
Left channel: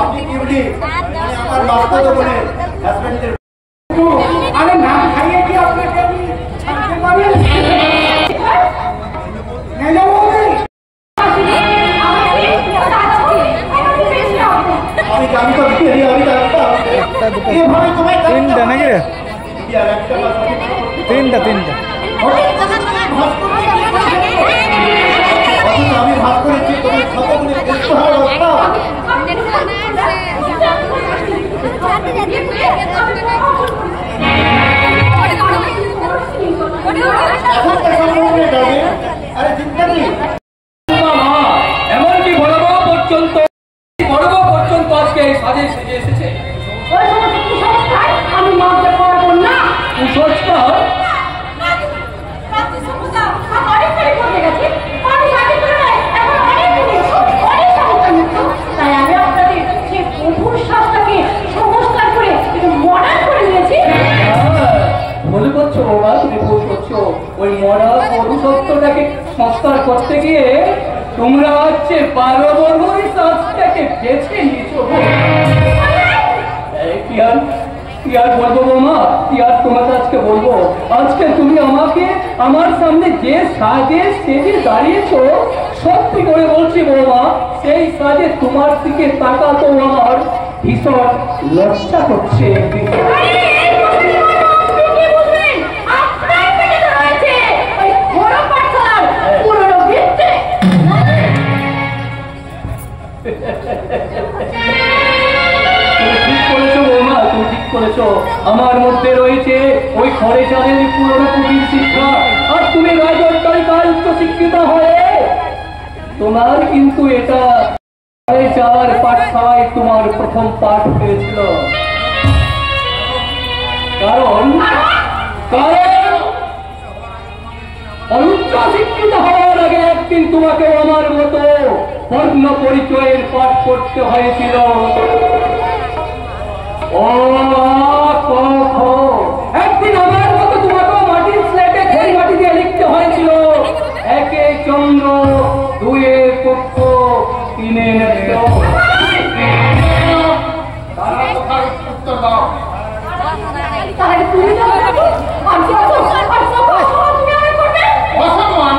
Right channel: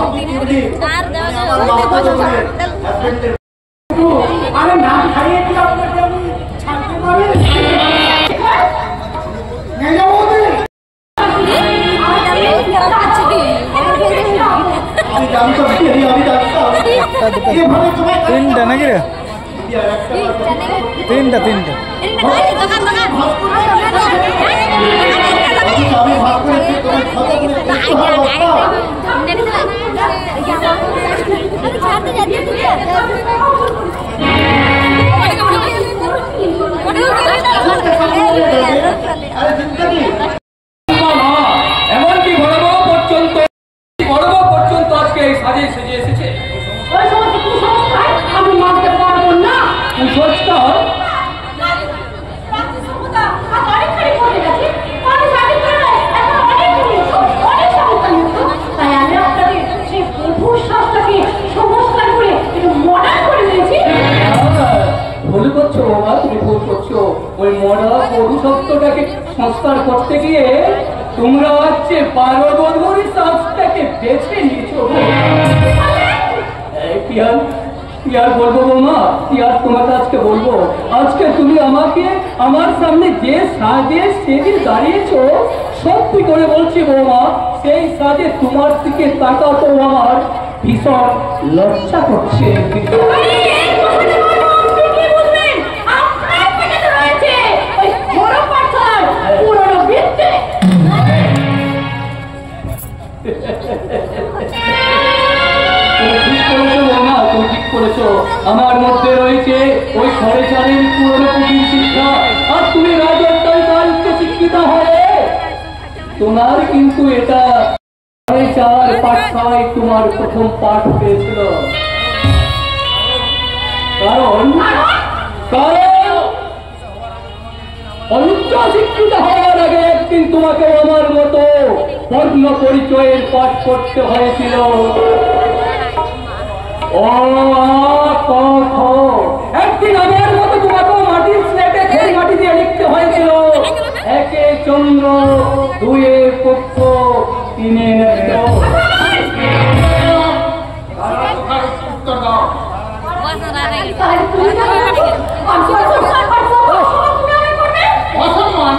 আপনি কি আমার বাবা হাজবেন্ডের আরে না খাইয়ে কি আপনাকে আমি ছাড়তে পারি? আমি তো একটা দুটো তিনটা নাকি রে? তিনটা তিনটা আমি ভাত করেছি তোমার কত করে দেখতে হয় বাচ্চা। এমনকি ভয়াবহ পর্যন্ত আজকে এই সাজে সেজে এসেছে। আমি মানতে পারবো না। কুসংস্কার ভুল করছো বাবা, তুমি ভুল করছো। ওই মরা পৌরসত্বটাকে সংস্কার করতে গিয়ে তোমরা হচ্ছে পারবর্মী সংস্থাকে বেছে নিয়েছো। কি আর বলবো বৌমা, কি আর তোমাকে আজকে বলবো? আজকে তুমি আমাকে আমার সামনে যে সাজে সেজে দাঁড়িয়েছো, সত্যি করে বলছি বৌমা, সেই সাজে তোমার দিকে তাকাতেও আমার ভীষণ লজ্জা করছে। আমার মধ্যে রয়েছে ওই ঘরে চারের পুরনো পুঁজির শিক্ষা, আর তুমি রাজত্বই কাল শিক্ষিত হয়ে তোমার কিন্তু এটা চার পাঠশালায় তোমার প্রথম পাঠ হয়েছিল। কারণ অনুচ্চ শিক্ষিত হওয়ার আগে একদিন তোমাকে আমার মতো বর্ণ পরিচয়ের পাঠ করতে হয়েছিল। একদিন আমার মতো তোমাকে মাটির স্লেটে খড়ি মাটি দিয়ে লিখতে হয়েছিল। একে চন্দ্র, দুয়ে পক্ষ, তিনে উত্তর দাও। অসম্মান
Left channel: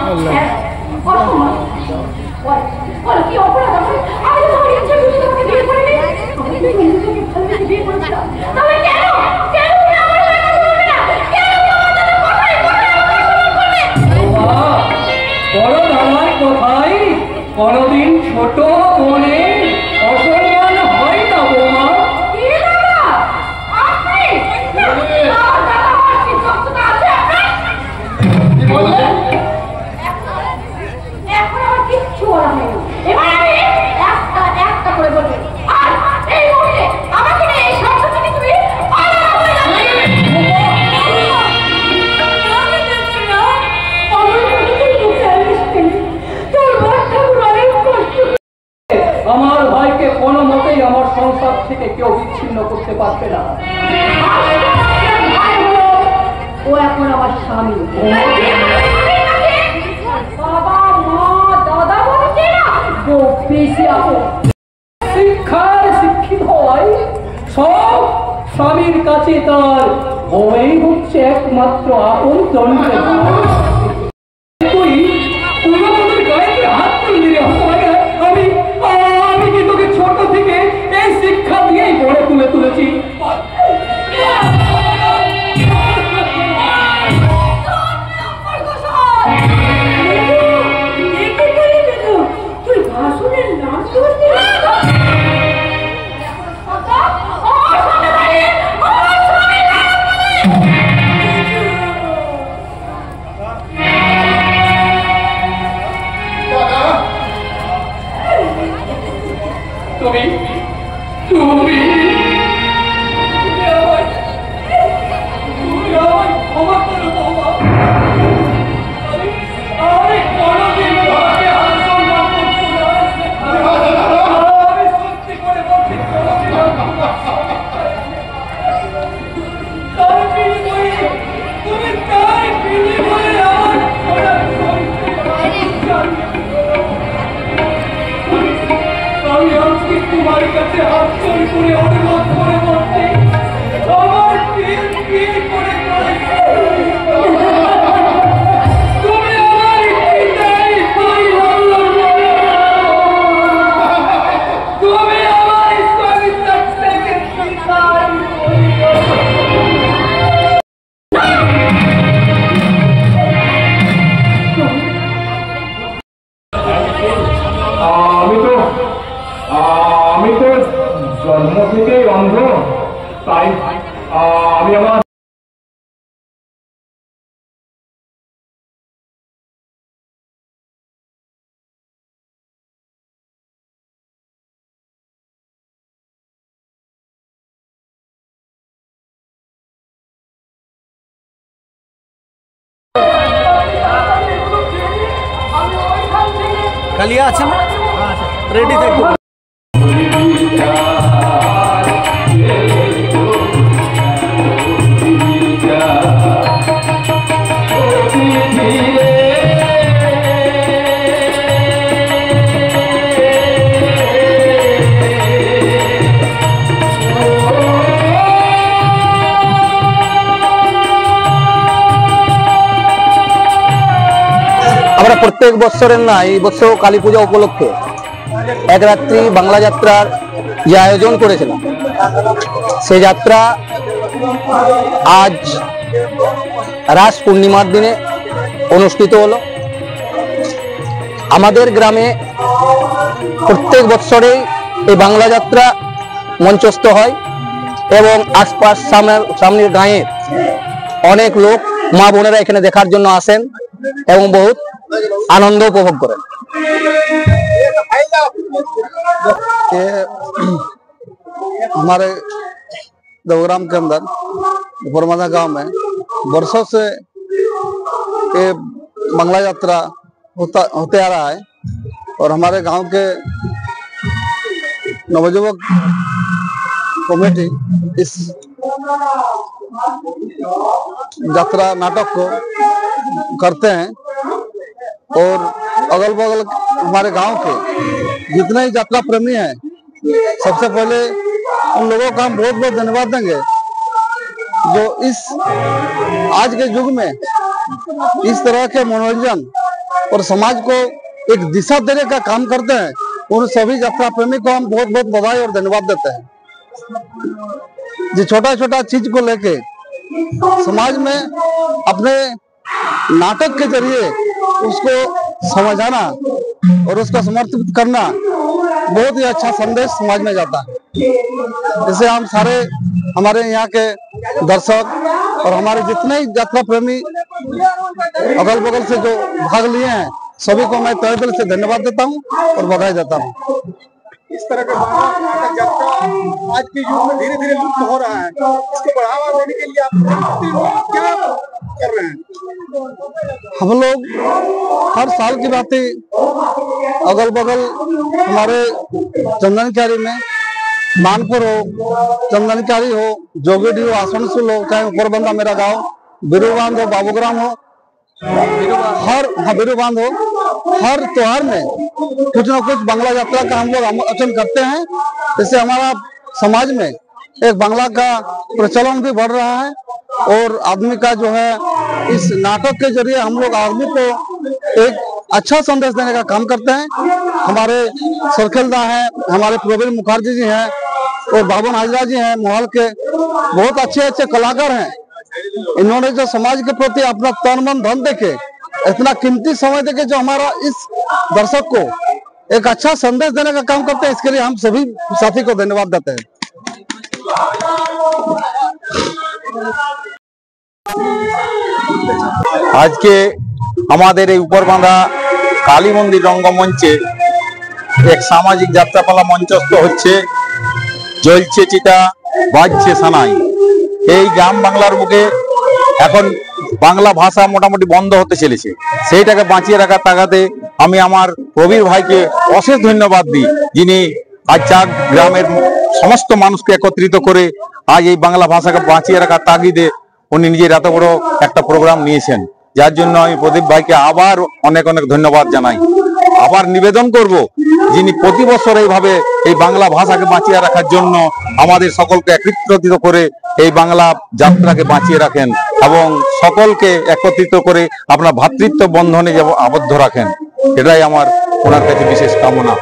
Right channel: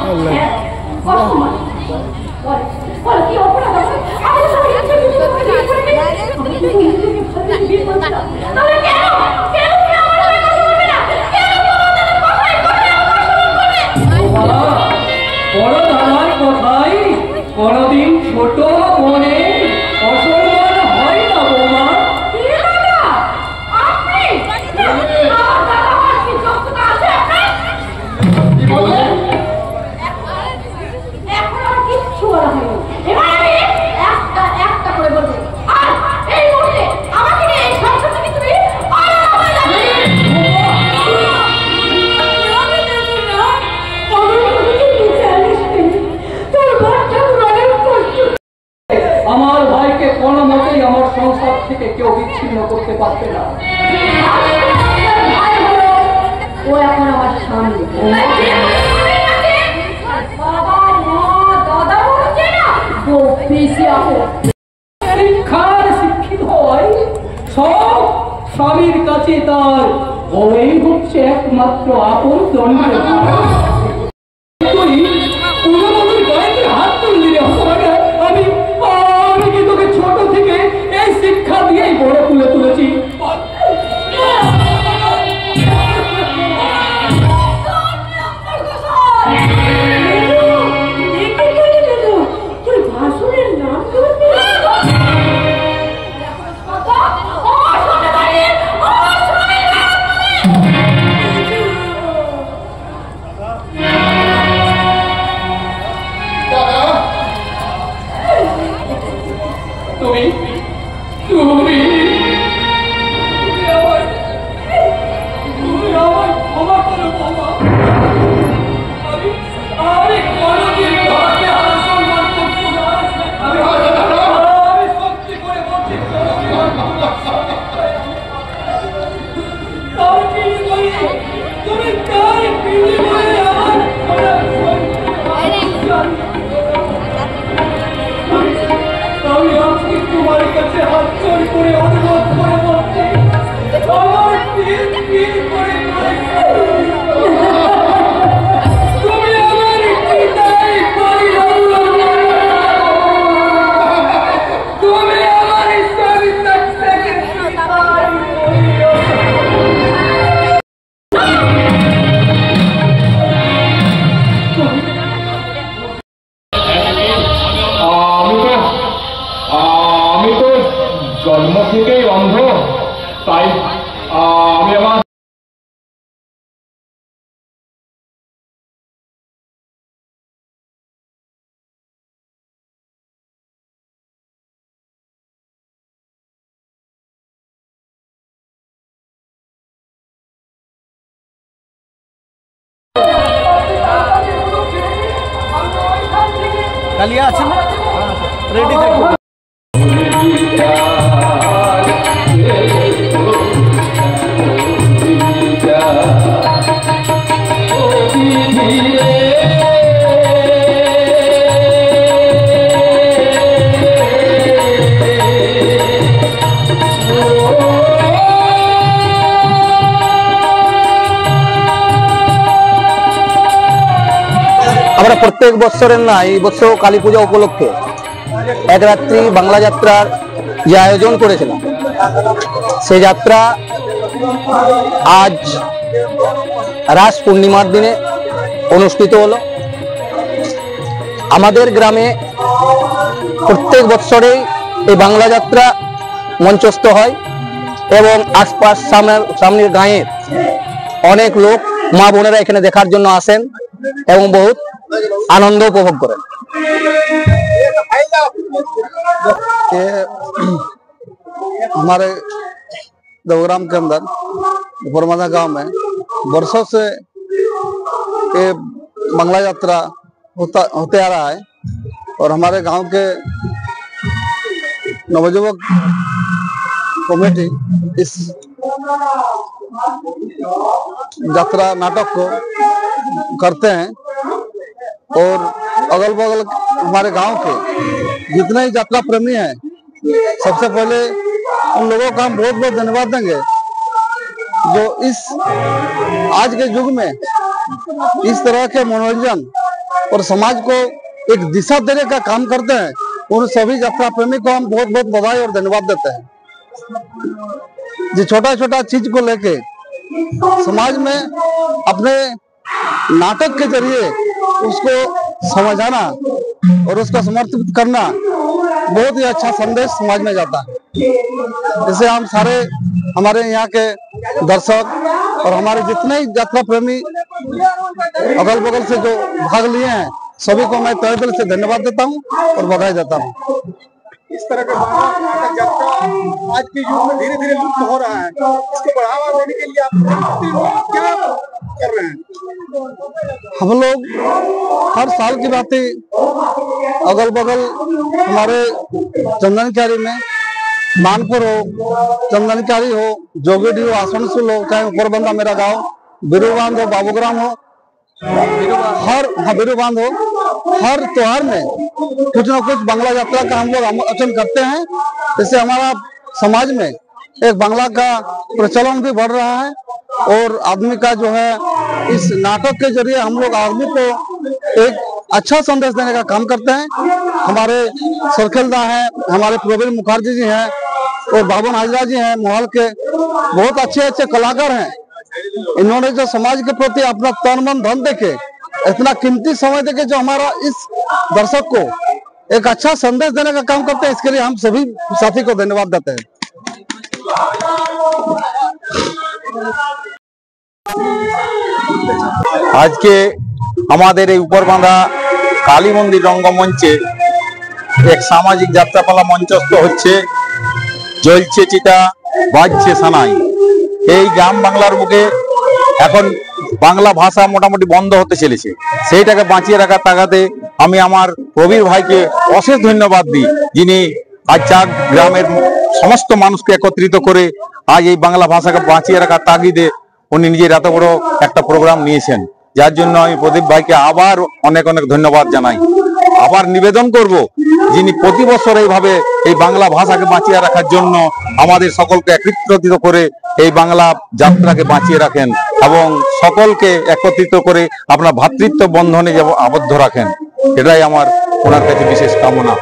কোথায়? কোনদিন ছোট মনে অসম্মান হয় না বৌমা। কি হলো? আপনি? আমার দাদা আমার কি যোগ্যতা আছে আপনার? এখন আমার কিচ্ছু বলা হয়নি। এবার আমি একটা করে বলবো। আর এই মুহূর্তে আমাকে নিয়ে এই সংসার থেকে তুমি আলাদা হয়ে যাবে। আমার ভাইকে কোনো মতেই আমার সংসার থেকে কেউ বিচ্ছিন্ন করতে পারবে না। ও এখন আমার স্বামী। বাবা মা দাদা বলছে না বউ বেশি আপো। শিক্ষার শিক্ষিত হওয়ায় সব স্বামীর কাছে তার ওই হচ্ছে একমাত্র আপন দণ্ডের তুই কোনো মতের গায়ে হাত তুললি রে হতভাগা। আমি কি তোকে ছোট থেকে এই শিক্ষা দিয়েই গড়ে তুলেছি। তুই ভাষণের নাম শুনবি? তুমি তুমি ক্ষমা করো বাবা। আমি কোনদিন তোমাকে অসম্মান করবো না। আমি সত্যি করে বলছি তার বিনিময়ে তুমি তার বিনিময়ে আমার আমি আজকে তোমার কাছে হাত জোড় করে অনুরোধ করে বলছি আমার বিয়ে করে তুমি আমার পিতাই তুমি আমার স্বামী থেকে আমি তো জন্ম থেকেই অন্ধ, তাই আমি আমার কালিয়া আছে না? রেডি থাকবে। আমরা প্রত্যেক বছরের না এই বছর কালী পূজা উপলক্ষে এক রাত্রি বাংলা যাত্রার যে আয়োজন করেছিলাম, সেই যাত্রা আজ রাস পূর্ণিমার দিনে অনুষ্ঠিত হলো। আমাদের গ্রামে প্রত্যেক বছরেই এই বাংলা যাত্রা মঞ্চস্থ হয় এবং আশপাশ সামনের গাঁয়ের অনেক লোক মা বোনেরা এখানে দেখার জন্য আসেন এবং बहुत आनंद उपभोग करें। हमारे देवग्राम के अंदर बरमादा गांव में वर्षों से ये बांग्ला यात्रा होते आ रहा है और हमारे गांव के नवयुवक कमेटी इस यात्रा नाटक को करते हैं और अगल बगल हमारे गांव के जितने ही यात्रा प्रेमी हैं सबसे पहले उन लोगों का हम बहुत बहुत धन्यवाद देंगे जो इस आज के युग में इस तरह के मनोरंजन और समाज को एक दिशा देने का काम करते हैं। उन सभी यात्रा प्रेमी को हम बहुत बहुत बधाई और धन्यवाद देते हैं। जो छोटा छोटा चीज को लेके समाज में अपने नाटक के जरिए उसको समझाना और उसका समर्पित करना बहुत ही अच्छा संदेश समाज में जाता है। इसे हम सारे हमारे यहाँ के दर्शक और हमारे जितने ही यात्रा प्रेमी अगल बगल से जो भाग लिए हैं सभी को मैं तहे दिल से धन्यवाद देता हूँ और बधाई देता हूँ। इस तरह का नाटक यात्रा आज के युग में धीरे धीरे लुप्त हो रहा है, इसको बढ़ावा देने के लिए आप क्या कर रहे हैं? हम लोग हर साल की बात ही अगल बगल हमारे चंदनकारी में मानपुर हो, चंदनकारी हो, जोगेडी हो, आसनसोल हो, चाहे ऊपरबंदा मेरा गांव, बिरुबांध हो, बाबूग्राम हो, बिरुबांध हो, हर त्योहार में कुछ न कुछ बांग्ला यात्रा का हम लोग आयोजन करते हैं। इससे हमारा समाज में एक बांग्ला का प्रचलन भी बढ़ रहा है और आदमी का जो है इस नाटक के जरिए हम लोग आदमी को एक अच्छा संदेश देने का काम करते हैं। हमारे सरखेलदा हैं, हमारे प्रवीण मुखर्जी जी हैं और बाबन हाजरा जी हैं, मोहल के बहुत अच्छे अच्छे कलाकार हैं। इन्होंने जो समाज के प्रति अपना तन मन धन देके इतना कीमती समय देके जो हमारा इस दर्शक को एक अच्छा संदेश देने का काम करते हैं, इसके लिए हम सभी साथी को धन्यवाद देते हैं। आज के हमारे এই উপরবাঁধা কালী মন্দির রঙ্গমঞ্চে এক সামাজিক যাত্রাপালা মঞ্চস্থ হচ্ছে। জ্বলছে চিতা, বাজছে সানাই। এই গ্রাম বাংলার বুকে এখন বাংলা ভাষা মোটামুটি বন্ধ হতে চলেছে, সেইটাকে বাঁচিয়ে রাখার তাগাদে আমি আমার প্রবীর ভাইকে অশেষ ধন্যবাদ দিই, যিনি আজ চাক গ্রামের সমস্ত মানুষকে একত্রিত করে আজ এই বাংলা ভাষাকে বাঁচিয়ে রাখার তাগিদে উনি নিজের এত বড় একটা প্রোগ্রাম নিয়েছেন, যার জন্য আমি প্রদীপ ভাইকে আবার অনেক অনেক ধন্যবাদ জানাই। আবার নিবেদন করব, যিনি প্রতি বছর এইভাবে এই বাংলা ভাষাকে বাঁচিয়ে রাখার জন্য আমাদের সকলকে একত্রিত করে এই বাংলা যাত্রাকে বাঁচিয়ে রাখেন এবং সকলকে একত্রিত করে আপনার ভ্রাতৃত্ব বন্ধনে আবদ্ধ রাখেন, এটাই আমার ওনার কাছে বিশেষ কামনা।